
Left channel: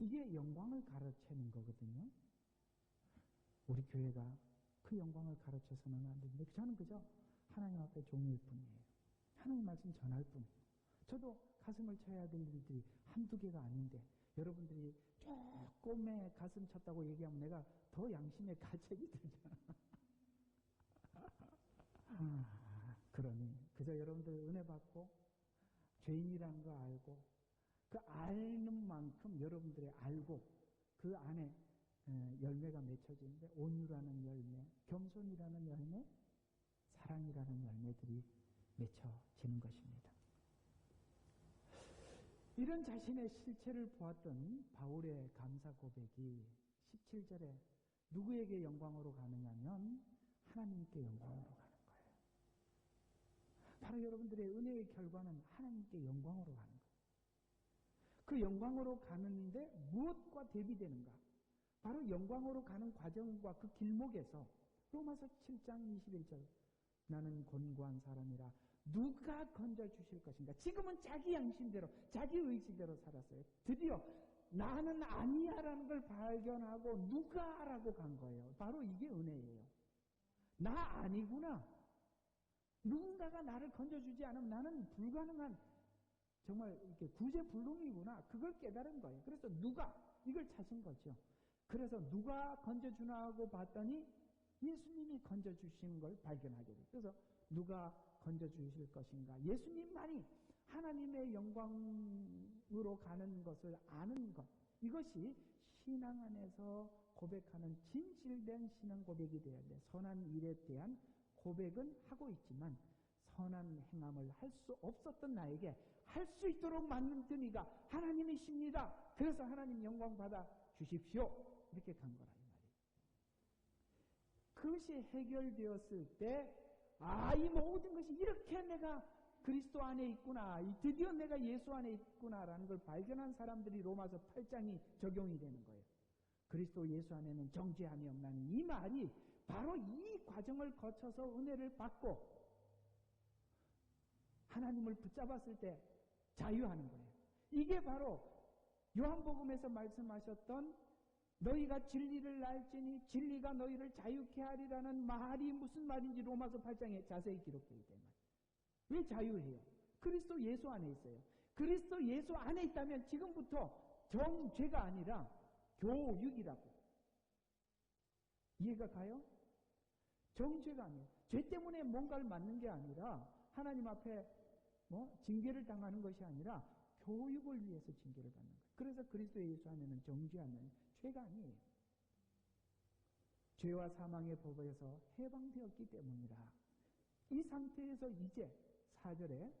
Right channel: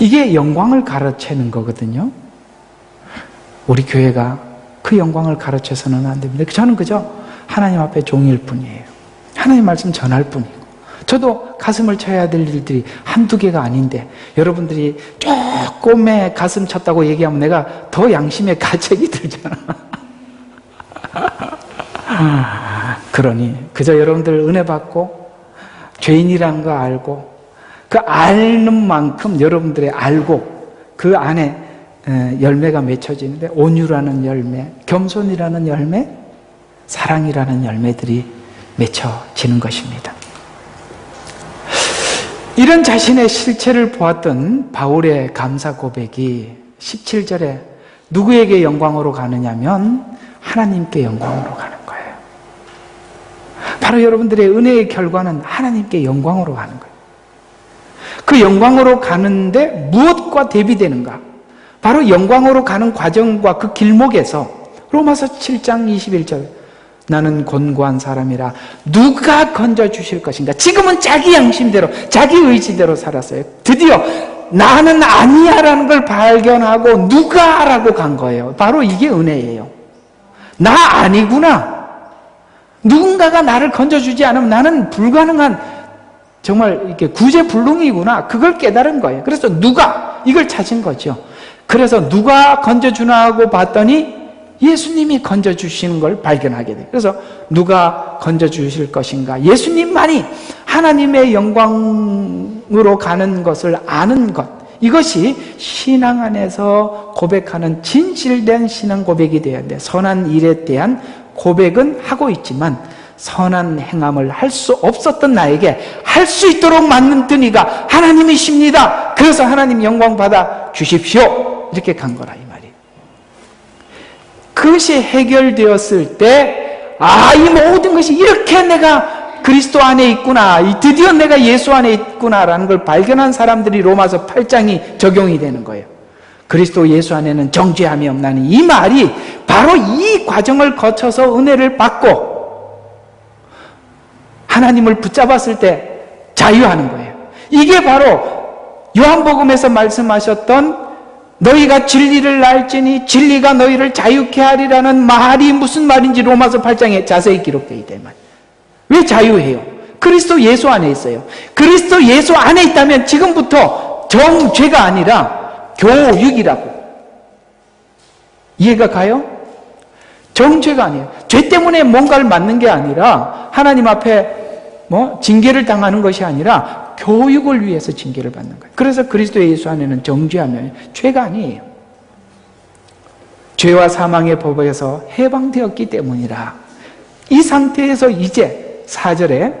이게 영광을 가르치는 거거든요. 우리 교회가 그 영광을 가르쳐서는 안 됩니다. 저는 그저 하나님 앞에 종일 뿐이에요. 하나님 말씀 전할 뿐이고 저도 가슴을 쳐야 될 일들이 한두 개가 아닌데 여러분들이 조금의 가슴 쳤다고 얘기하면 내가 더 양심의 가책이 들잖아. 그러니 그저 여러분들 은혜 받고 죄인이라는 거 알고 그 아는 만큼 여러분들의 알고 그 안에 열매가 맺혀지는데 온유라는 열매, 겸손이라는 열매, 사랑이라는 열매들이 맺혀지는 것입니다. 이런 자신의 실체를 보았던 바울의 감사 고백이 17절에 누구에게 영광으로 가느냐면 하나님께 영광으로 가는 거예요. 바로 여러분들의 은혜의 결과는 하나님께 영광으로 가는 거예요. 그 영광으로 가는데 무엇과 대비되는가? 바로 영광으로 가는 과정과 그 길목에서 로마서 7장 21절 나는 곤고한 사람이라 누가 건져주실 것인가? 지금은 자기 양심대로 자기 의지대로 살았어요. 드디어 나는 아니야라는 걸 발견하고 누가라고 간 거예요. 바로 이게 은혜예요. 나 아니구나. 누군가가 나를 건져주지 않으면 나는 불가능한, 정말 이렇게 구제불능이구나, 그걸 깨달은 거예요. 그래서 누가, 이걸 찾은 거죠. 그래서 누가 건져주나 하고 봤더니 예수님이 건져주시는 걸 발견하게 돼요. 그래서 누가 건져주실 것인가, 예수님만이 하나님의 영광으로 가는 것을 아는 것, 이것이 신앙 안에서 고백하는 진실된 신앙 고백이 되어야 돼. 선한 일에 대한 고백은 하고 있지만 선한 행함을 할 수 없었던 나에게 할 수 있도록 만든 이가 하나님이십니다. 그래서 하나님 영광 받아 주십시오. 이렇게 간 거라 이 말이에요. 그것이 해결되었을 때, 이 모든 것이 이렇게 내가 그리스도 안에 있구나, 드디어 내가 예수 안에 있구나라는 걸 발견한 사람들이 로마서 8장이 적용이 되는 거예요. 그리스도 예수 안에는 정죄함이 없나니, 이 말이 바로 이 과정을 거쳐서 은혜를 받고 하나님을 붙잡았을 때 자유하는 거예요. 이게 바로 요한복음에서 말씀하셨던 너희가 진리를 알지니 진리가 너희를 자유케 하리라는 말이 무슨 말인지 로마서 8장에 자세히 기록되어 있다. 왜 자유해요? 그리스도 예수 안에 있어요. 그리스도 예수 안에 있다면 지금부터 정죄가 아니라 교육이라고. 이해가 가요? 정죄가 아니에요. 죄 때문에 뭔가를 맞는 게 아니라 하나님 앞에 징계를 당하는 것이 아니라 교육을 위해서 징계를 받는 거예요. 그래서 그리스도 예수 안에는 정죄하면 죄가 아니에요. 죄와 사망의 법에서 해방되었기 때문이라. 이 상태에서 이제 4절에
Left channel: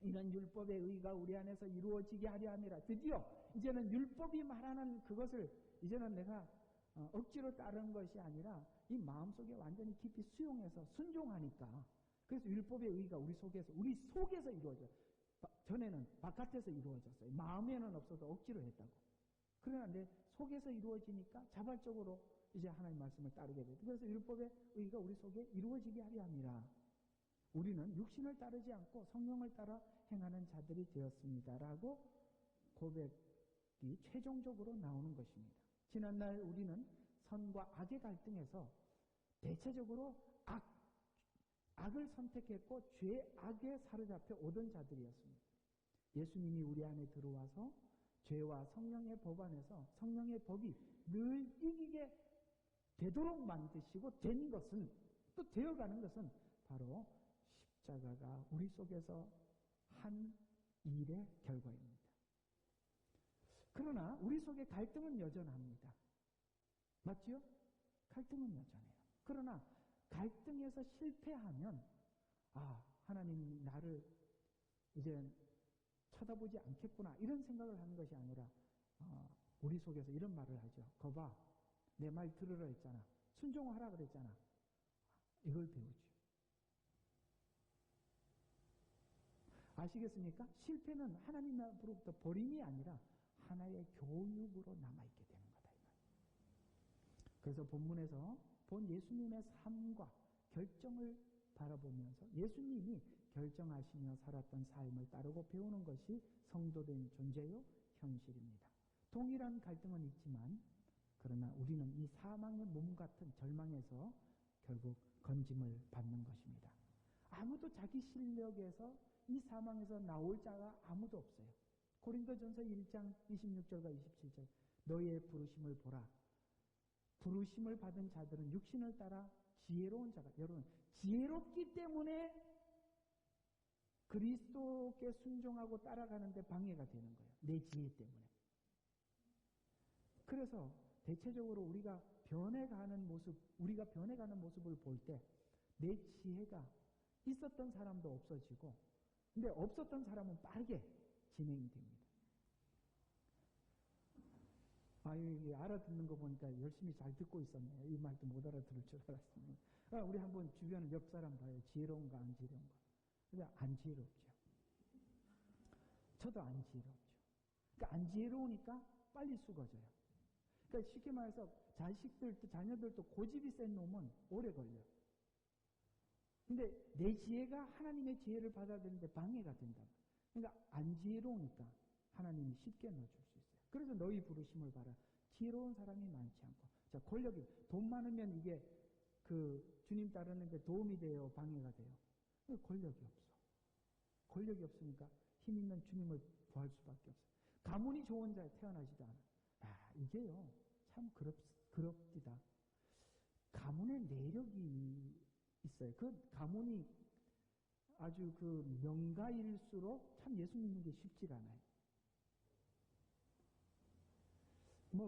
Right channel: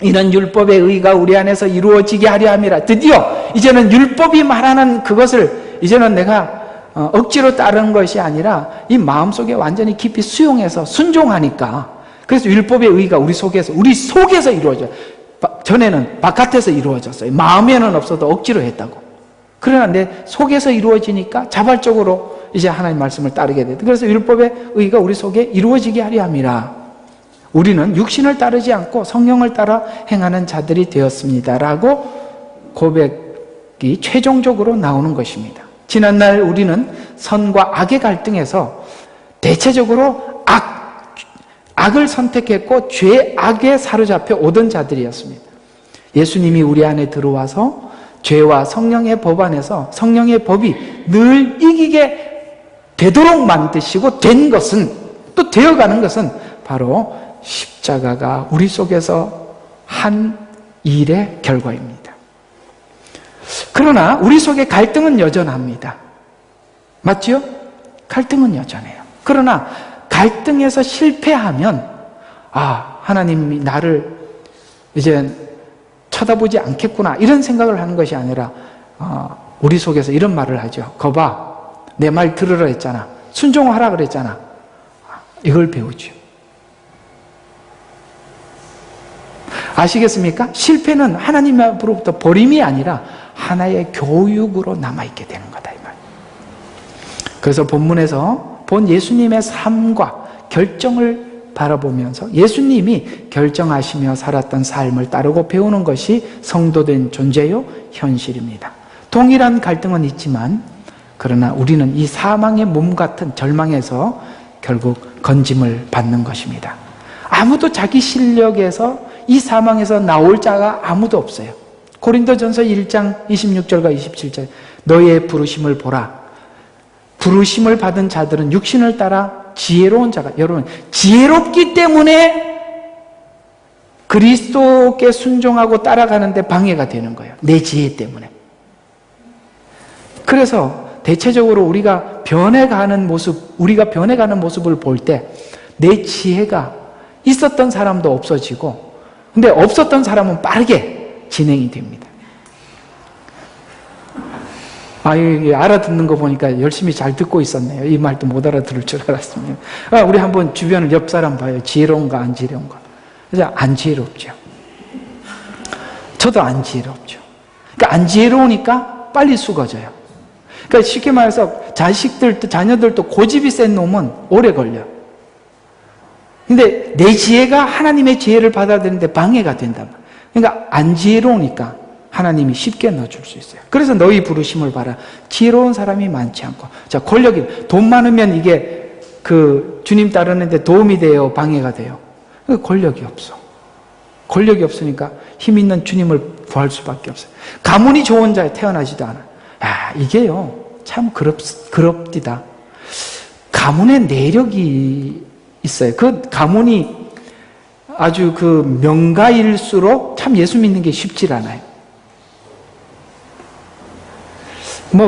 이는 율법의 의가 우리 안에서 이루어지게 하려 함이라. 드디어 이제는 율법이 말하는 그것을 이제는 내가 억지로 따르는 것이 아니라 이 마음속에 완전히 깊이 수용해서 순종하니까, 그래서 율법의 의가 우리 속에서 이루어져요. 전에는 바깥에서 이루어졌어요. 마음에는 없어도 억지로 했다고. 그러나 내 속에서 이루어지니까 자발적으로 이제 하나님 말씀을 따르게 돼요. 그래서 율법의 의가 우리 속에 이루어지게 하려 함이라. 우리는 육신을 따르지 않고 성령을 따라 행하는 자들이 되었습니다라고 고백이 최종적으로 나오는 것입니다. 지난날 우리는 선과 악의 갈등에서 대체적으로 악을 선택했고 죄악에 사로잡혀 오던 자들이었습니다. 예수님이 우리 안에 들어와서 죄와 성령의 법 안에서 성령의 법이 늘 이기게 되도록 만드시고 된 것은, 또 되어가는 것은 바로 십자가가 우리 속에서 한 일의 결과입니다. 그러나 우리 속에 갈등은 여전합니다. 맞죠? 갈등은 여전해요. 그러나 갈등에서 실패하면 하나님이 나를 이제 쳐다보지 않겠구나, 이런 생각을 하는 것이 아니라 우리 속에서 이런 말을 하죠. 거봐, 내 말 들으라 했잖아. 순종하라 그랬잖아. 이걸 배우죠. 아시겠습니까? 실패는 하나님 앞으로부터 버림이 아니라 하나의 교육으로 남아있게 되는 거다 이 말. 그래서 본문에서 본 예수님의 삶과 결정을 바라보면서 예수님이 결정하시며 살았던 삶을 따르고 배우는 것이 성도된 존재요 현실입니다. 동일한 갈등은 있지만 그러나 우리는 이 사망의 몸 같은 절망에서 결국 건짐을 받는 것입니다. 아무도 자기 실력에서 이 사망에서 나올 자가 아무도 없어요. 고린도전서 1장 26절과 27절, 너의 부르심을 보라. 부르심을 받은 자들은 육신을 따라 지혜로운 자가, 여러분 지혜롭기 때문에 그리스도께 순종하고 따라가는데 방해가 되는 거예요. 내 지혜 때문에. 그래서 대체적으로 우리가 변해가는 모습을 볼 때 내 지혜가 있었던 사람도 없어지고, 근데 없었던 사람은 빠르게 진행이 됩니다. 알아듣는 거 보니까 열심히 잘 듣고 있었네요. 이 말도 못 알아들을 줄 알았습니다. 우리 한번 주변을 옆 사람 봐요. 지혜로운가 안 지혜로운가. 그래서 안 지혜롭죠. 저도 안 지혜롭죠. 그러니까 안 지혜로우니까 빨리 숙어져요. 그러니까 쉽게 말해서 자녀들도 고집이 센 놈은 오래 걸려. 근데 내 지혜가 하나님의 지혜를 받아들이는데 방해가 된다. 그러니까 안 지혜로우니까 하나님이 쉽게 넣어줄 수 있어요. 그래서 너희 부르심을 봐라. 지혜로운 사람이 많지 않고. 자, 권력이, 돈 많으면 이게 주님 따르는데 도움이 돼요? 방해가 돼요? 권력이 없어. 권력이 없으니까 힘 있는 주님을 구할 수밖에 없어요. 가문이 좋은 자에 태어나지도 않아. 이게요, 참 그럽디다. 가문의 내력이 있어요. 그 가문이 아주 그 명가일수록 참 예수 믿는 게 쉽질 않아요.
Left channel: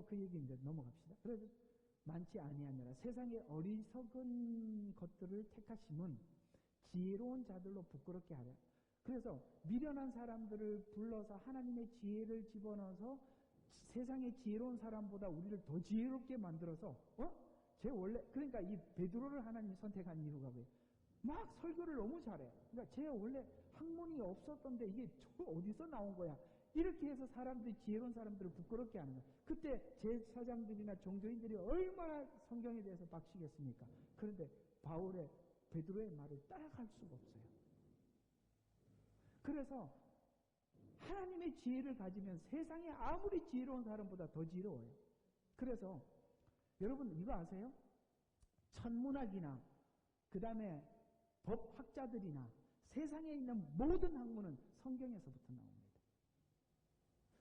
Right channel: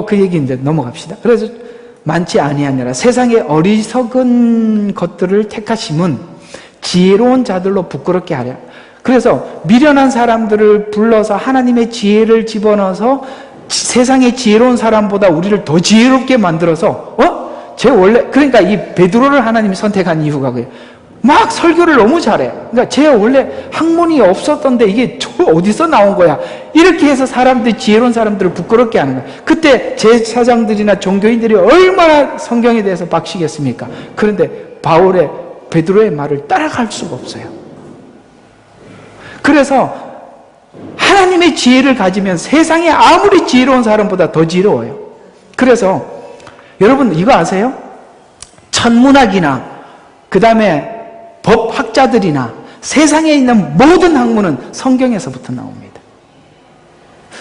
그 얘기인데 넘어갑시다. 그래서 많지 아니하니라. 세상의 어리석은 것들을 택하심은 지혜로운 자들로 부끄럽게 하랴. 그래서 미련한 사람들을 불러서 하나님의 지혜를 집어넣어서 세상의 지혜로운 사람보다 우리를 더 지혜롭게 만들어서 그러니까 이 베드로를 하나님이 선택한 이유가 그래요. 막 설교를 너무 잘해. 그러니까 쟤 원래 학문이 없었던데 이게 어디서 나온 거야. 이렇게 해서 사람들이, 지혜로운 사람들을 부끄럽게 하는 거야. 그때 제사장들이나 종교인들이 얼마나 성경에 대해서 박시겠습니까? 그런데 베드로의 말을 따라갈 수가 없어요. 그래서 하나님의 지혜를 가지면 세상에 아무리 지혜로운 사람보다 더 지혜로워요. 그래서 여러분 이거 아세요? 천문학이나 그 다음에 법학자들이나 세상에 있는 모든 학문은 성경에서부터 나옵니다.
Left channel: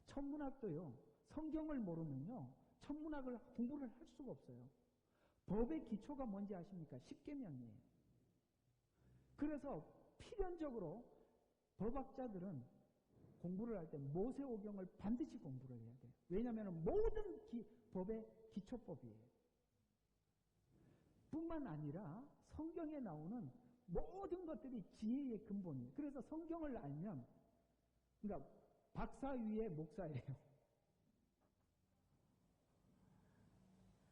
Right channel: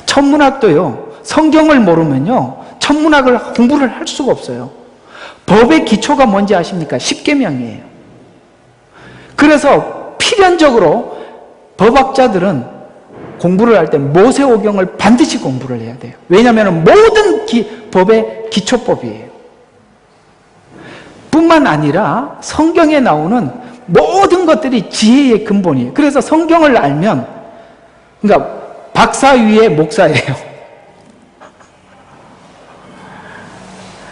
천문학도요, 성경을 모르면요, 천문학을 공부를 할 수가 없어요. 법의 기초가 뭔지 아십니까? 십계명이에요. 그래서 필연적으로 법학자들은 공부를 할 때 모세오경을 반드시 공부를 해야 돼요. 왜냐하면 모든 법의 기초법이에요. 뿐만 아니라 성경에 나오는 모든 것들이 지혜의 근본이에요. 그래서 성경을 알면, 그러니까 박사 위에 목사예요.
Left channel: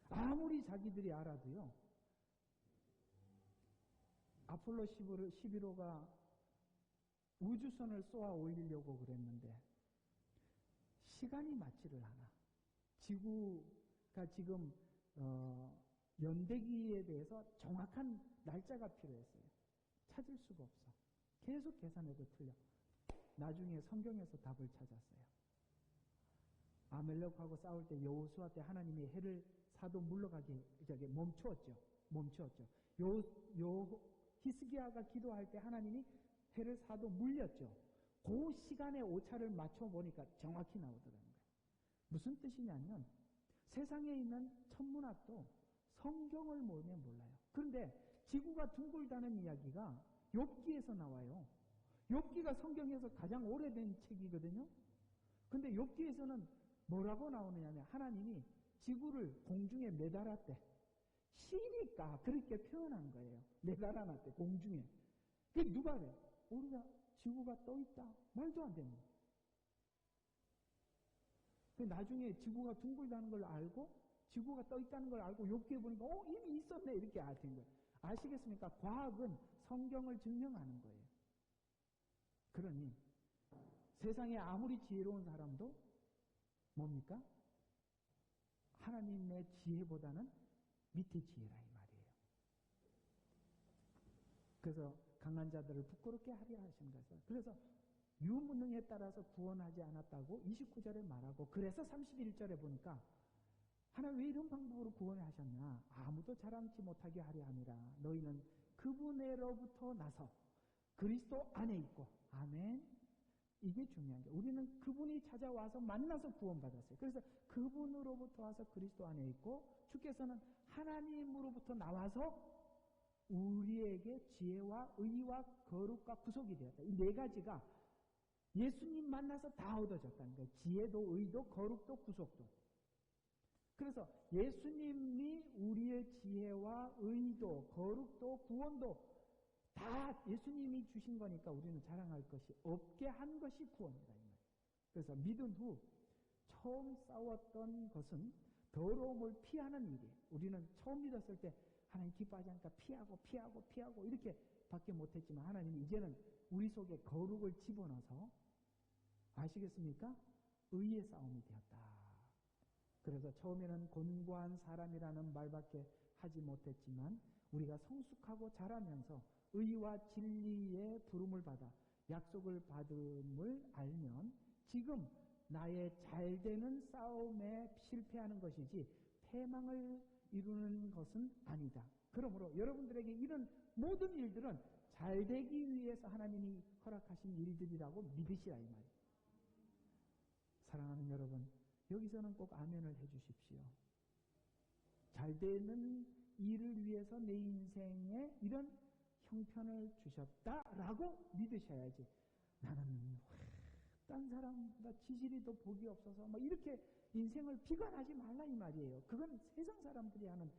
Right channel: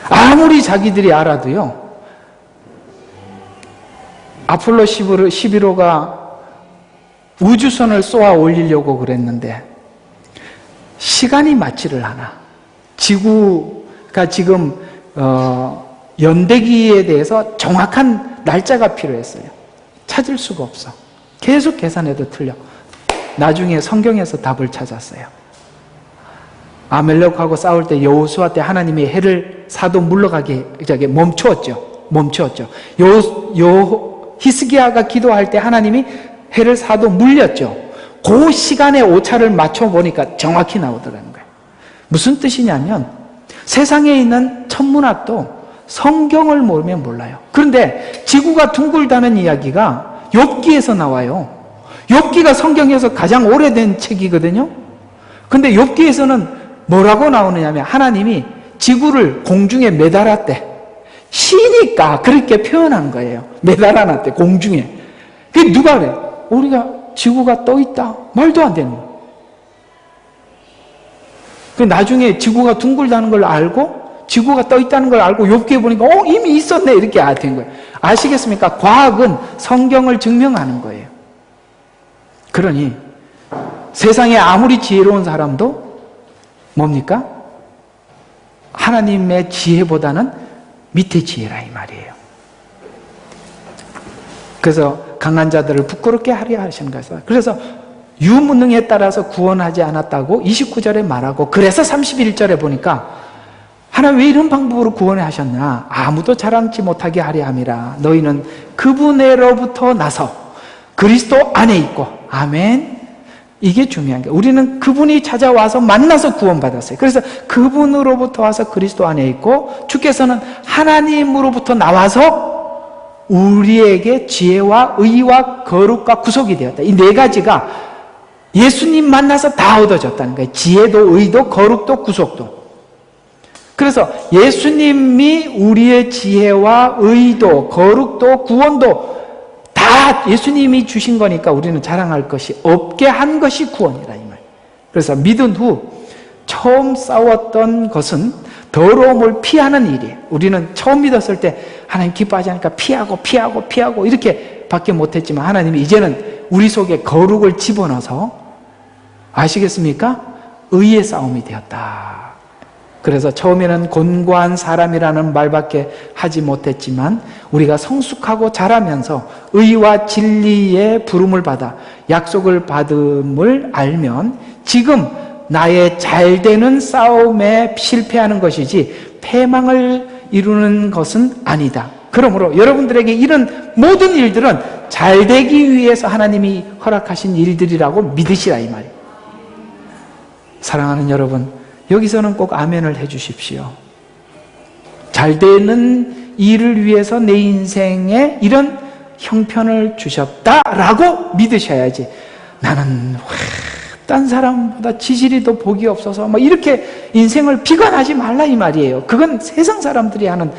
아무리 자기들이 알아도요, 아폴로 11호가 우주선을 쏘아 올리려고 그랬는데 시간이 맞지를 않아. 지구가 지금 연대기에 대해서 정확한 날짜가 필요했어요. 찾을 수가 없어. 계속 계산해도 틀려. 나중에 성경에서 답을 찾았어요. 아멜렉하고 싸울 때 여호수아 때 하나님이 해를 사도 물러가게 멈추었죠. 히스기야가 기도할 때 하나님이 해를 사도 물렸죠. 그 시간에 오차를 맞춰보니까 정확히 나오더라는 거예요. 무슨 뜻이냐면 세상에 있는 천문학도 성경을 모르면 몰라요. 그런데 지구가 둥글다는 이야기가 욥기에서 나와요. 욥기가 성경에서 가장 오래된 책이거든요. 근데 욥기에서는 뭐라고 나오느냐면 하나님이 지구를 공중에 매달았대. 시니까 그렇게 표현한 거예요. 매달아놨대, 공중에. 그게 누가 그래? 우리가 지구가 떠 있다. 말도 안 되는 거예요. 나중에 지구가 둥글다는 걸 알고 지구가 떠 있다는 걸 알고 욥기에 보니까 이미 있었네 이렇게 된 거예요. 아시겠습니까? 과학은 성경을 증명하는 거예요. 그러니 세상에 아무리 지혜로운 사람도 뭡니까? 하나님의 지혜보다는 밑에 지혜라 이 말이에요. 그래서 강한 자들을 부끄럽게 하려 하시는 거예요. 그래서 유무능에 따라서 구원하지 않았다고 29절에 말하고, 그래서 31절에 보니까 하나님 왜 이런 방법으로 구원해 하셨나? 아무도 자랑치 못하게 하려 함이라. 너희는 그분으로부터 나서 그리스도 안에 있고. 아멘. 이게 중요한 게, 우리는 그분이 찾아와서 만나서 구원받았어요. 그래서 그분으로부터 와서 그리스도 안에 있고, 주께서는 하나님으로부터 나와서 우리에게 지혜와 의와 거룩과 구속이 되었다. 이 네 가지가 예수님 만나서 다 얻어졌다는 거예요. 지혜도 의도 거룩도 구속도. 그래서 예수님이 우리의 지혜와 의도 거룩도 구원도 다 예수님이 주신 거니까 우리는 자랑할 것이 없게 한 것이 구원이다 이 말. 그래서 믿은 후 처음 싸웠던 것은 더러움을 피하는 일이에요. 우리는 처음 믿었을 때 하나님 기뻐하지 않으니까 피하고 이렇게 밖에 못했지만, 하나님이 이제는 우리 속에 거룩을 집어넣어서, 아시겠습니까? 의의 싸움이 되었다. 그래서 처음에는 곤고한 사람이라는 말밖에 하지 못했지만 우리가 성숙하고 자라면서 의와 진리의 부름을 받아 약속을 받음을 알면 지금 나의 잘되는 싸움에 실패하는 것이지 패망을 이루는 것은 아니다. 그러므로 여러분들에게 이런 모든 일들은 잘 되기 위해서 하나님이 허락하신 일들이라고 믿으시라 이 말이에요. 사랑하는 여러분, 여기서는 꼭 아멘을 해 주십시오. 잘 되는 일을 위해서 내 인생에 이런 형편을 주셨다라고 믿으셔야지, 나는 딴 사람보다 지질이 더 복이 없어서 뭐 이렇게 인생을 비관하지 말라 이 말이에요. 그건 세상 사람들이 하는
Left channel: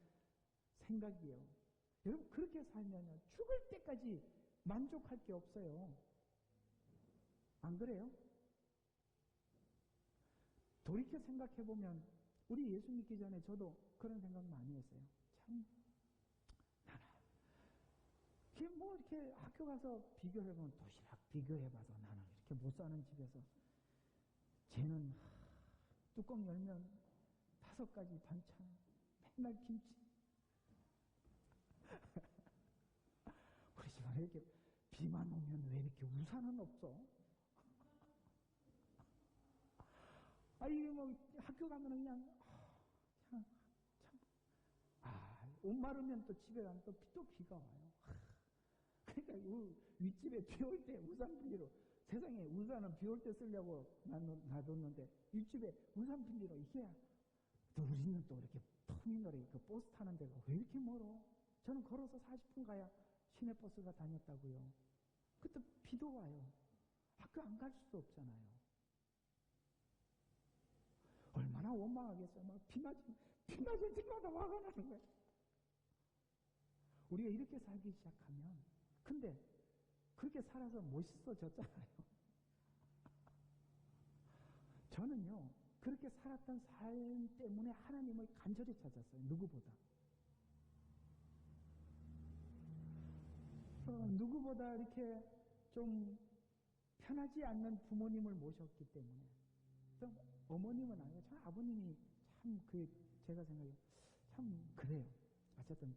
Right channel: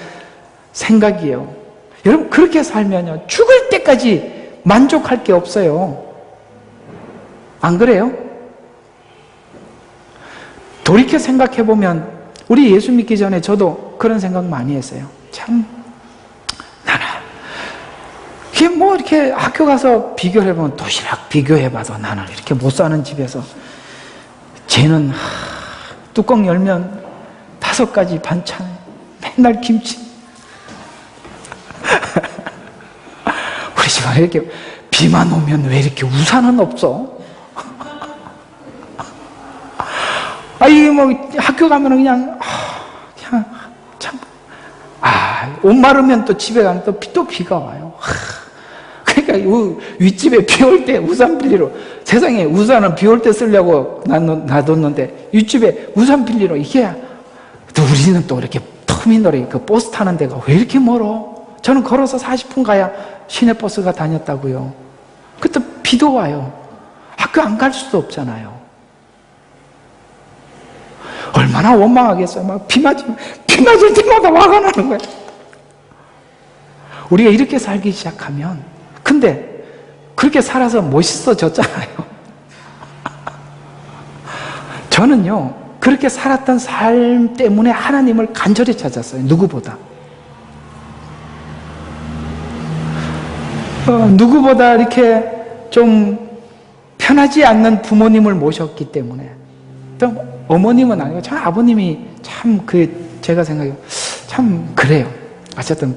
생각이에요. 여러분, 그렇게 살면요, 죽을 때까지 만족할 게 없어요. 안 그래요? 돌이켜 생각해보면 우리 예수 믿기 전에 저도 그런 생각 많이 했어요. 참, 나는 이게 뭐 이렇게 학교 가서 비교를 해보면, 도시락 비교해봐도 나는 이렇게 못 사는 집에서, 쟤는 뚜껑 열면 5가지 반찬, 맨날 김치. 우리 집안에 이렇게 비만 오면 왜 이렇게 우산은 없어? 이게 뭐 학교 가면은 그냥 참, 옷 마르면 또 집에 가면 또 비가 와요. 그러니까 윗집에 비 올 때 우산 빌리러, 세상에 우산은 비 올 때 쓰려고 놔뒀는데 윗집에 우산 빌리러, 이게 또 우리는 또 이렇게 터미널에 그 버스 타는 데가 왜 이렇게 멀어? 저는 걸어서 40분 가야 시내버스가 다녔다고요. 그때 비도 와요. 학교 안 갈 수도 없잖아요. 얼마나 원망하겠어요. 막 비 맞을 때마다 화가 나는 거예요. 우리가 이렇게 살기 시작하면, 근데 그렇게 살아서 멋있어졌잖아요. 저는요, 그렇게 살았던 삶 때문에 하나님을 간절히 찾았어요. 누구보다. 누구보다 이렇게 좀 편하지 않는 부모님을 모셨기 때문에. 또 어머님은 아니고 저 아버님이 참 제가 생각해요. 참 그래요. 어쨌든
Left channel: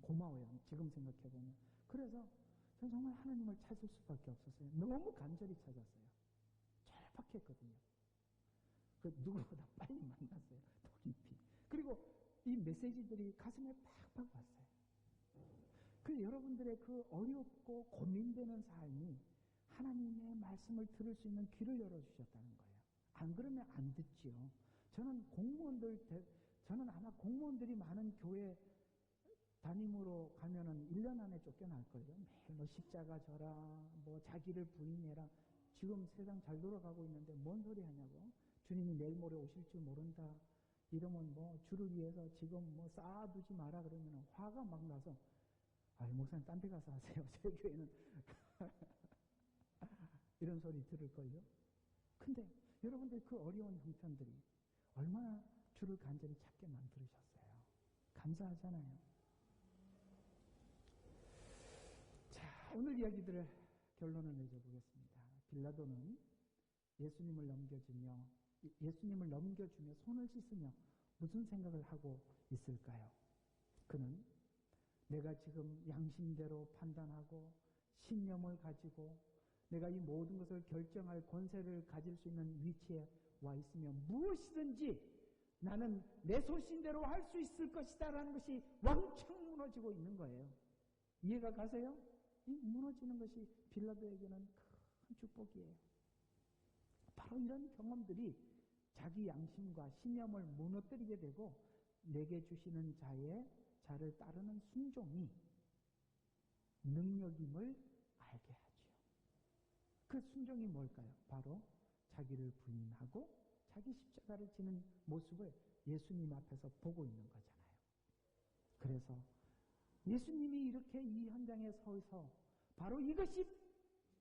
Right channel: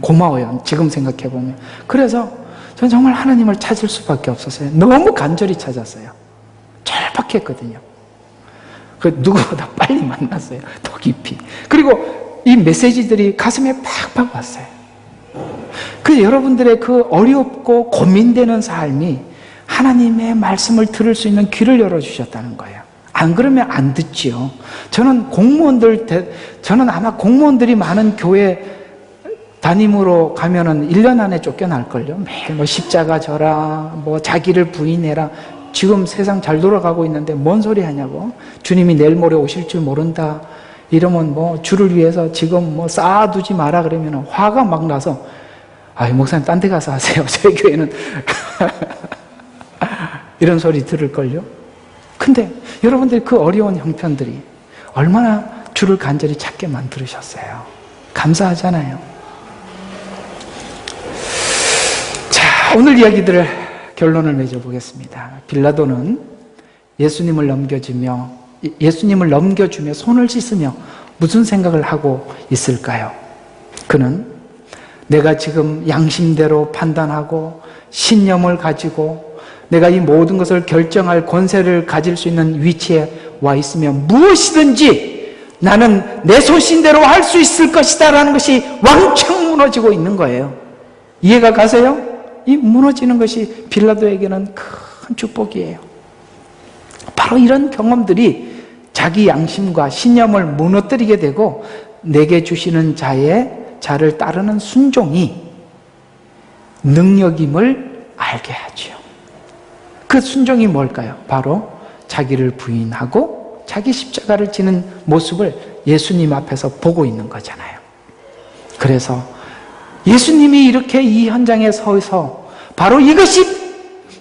고마워요. 지금 생각해보면. 그래서 저는 정말 하나님을 찾을 수밖에 없었어요. 너무 간절히 찾았어요. 절박했거든요. 누구보다 빨리 만났어요. 더 깊이. 그리고 이 메시지들이 가슴에 팍팍 왔어요. 여러분들의 그 어렵고 고민되는 삶이 하나님의 말씀을 들을 수 있는 귀를 열어주셨다는 거예요. 안 그러면 안 듣지요. 저는 아마 공무원들이 많은 교회 담임으로 가면은 1년 안에 쫓겨날걸요. 매일 뭐 십자가 져라, 뭐 자기를 부인해라. 지금 세상 잘 돌아가고 있는데 뭔 소리 하냐고. 주님이 내일 모레 오실 줄 모른다. 이러면 뭐 주를 위해서 지금 뭐 쌓아두지 마라 그러면 화가 막 나서, 목사님 딴 데 가서 하세요. 저희 교회는. 이런 소리 들을걸요. 근데 여러분들이 그 어려운 형편들이 얼마나 주를 간절히 찾게 만들으셨어요. 감사하잖아요. 자, 오늘 이야기들을 결론을 맺어보겠습니다. 빌라도는 예수님을 넘겨주며 손을 씻으며 무슨 생각을 하고 있을까요? 그는 내가 지금 양심대로 판단하고 신념을 가지고 내가 이 모든 것을 결정할 권세를 가질 수 있는 위치에 와 있으면 무엇이든지 나는 내 소신대로 할 수 있을 것이다 라는 것이 왕창 무너지고 있는 거예요. 이해가 가세요? 이 무너지는 것이 빌라도에게는 큰 축복이에요. 바로 이런 경험들이 자기 양심과 신념을 무너뜨리게 되고 내게 주시는 자를 따르는 순종이 능력임을 알게 하죠. 그 순종이 뭘까요? 바로 자기를 부인하고 자기 십자가를 지는 모습을 예수님 앞에서 보고 있는 거잖아요. 그래서 예수님이 이렇게 이 현장에 서서 바로 이것이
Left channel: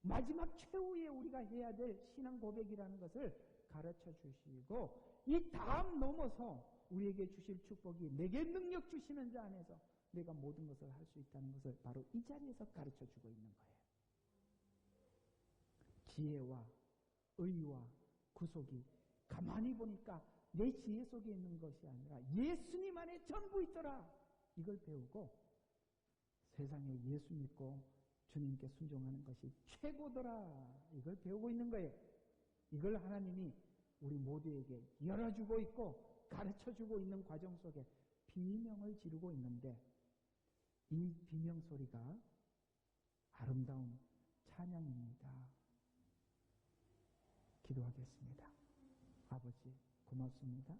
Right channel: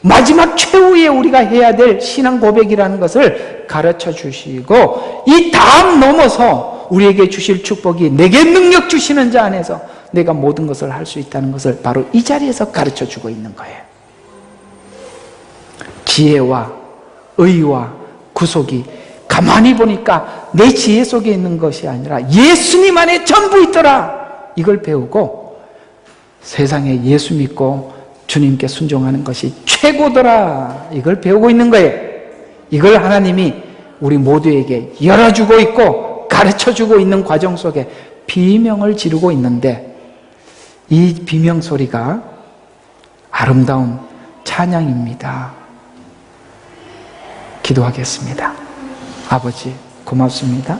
마지막 최후에 우리가 해야 될 신앙 고백이라는 것을 가르쳐 주시고, 이 다음 넘어서 우리에게 주실 축복이 내게 능력 주시는 자 안에서 내가 모든 것을 할 수 있다는 것을 바로 이 자리에서 가르쳐 주고 있는 거예요. 지혜와 의와 구속이 가만히 보니까 내 지혜 속에 있는 것이 아니라 예수님 안에 전부 있더라. 이걸 배우고 세상에 예수 믿고 주님께 순종하는 것이 최고더라. 이걸 배우고 있는 거예요. 이걸 하나님이 우리 모두에게 열어주고 있고 가르쳐주고 있는 과정 속에 비명을 지르고 있는데, 이 비명 소리가 아름다운 찬양입니다. 기도하겠습니다. 아버지, 고맙습니다.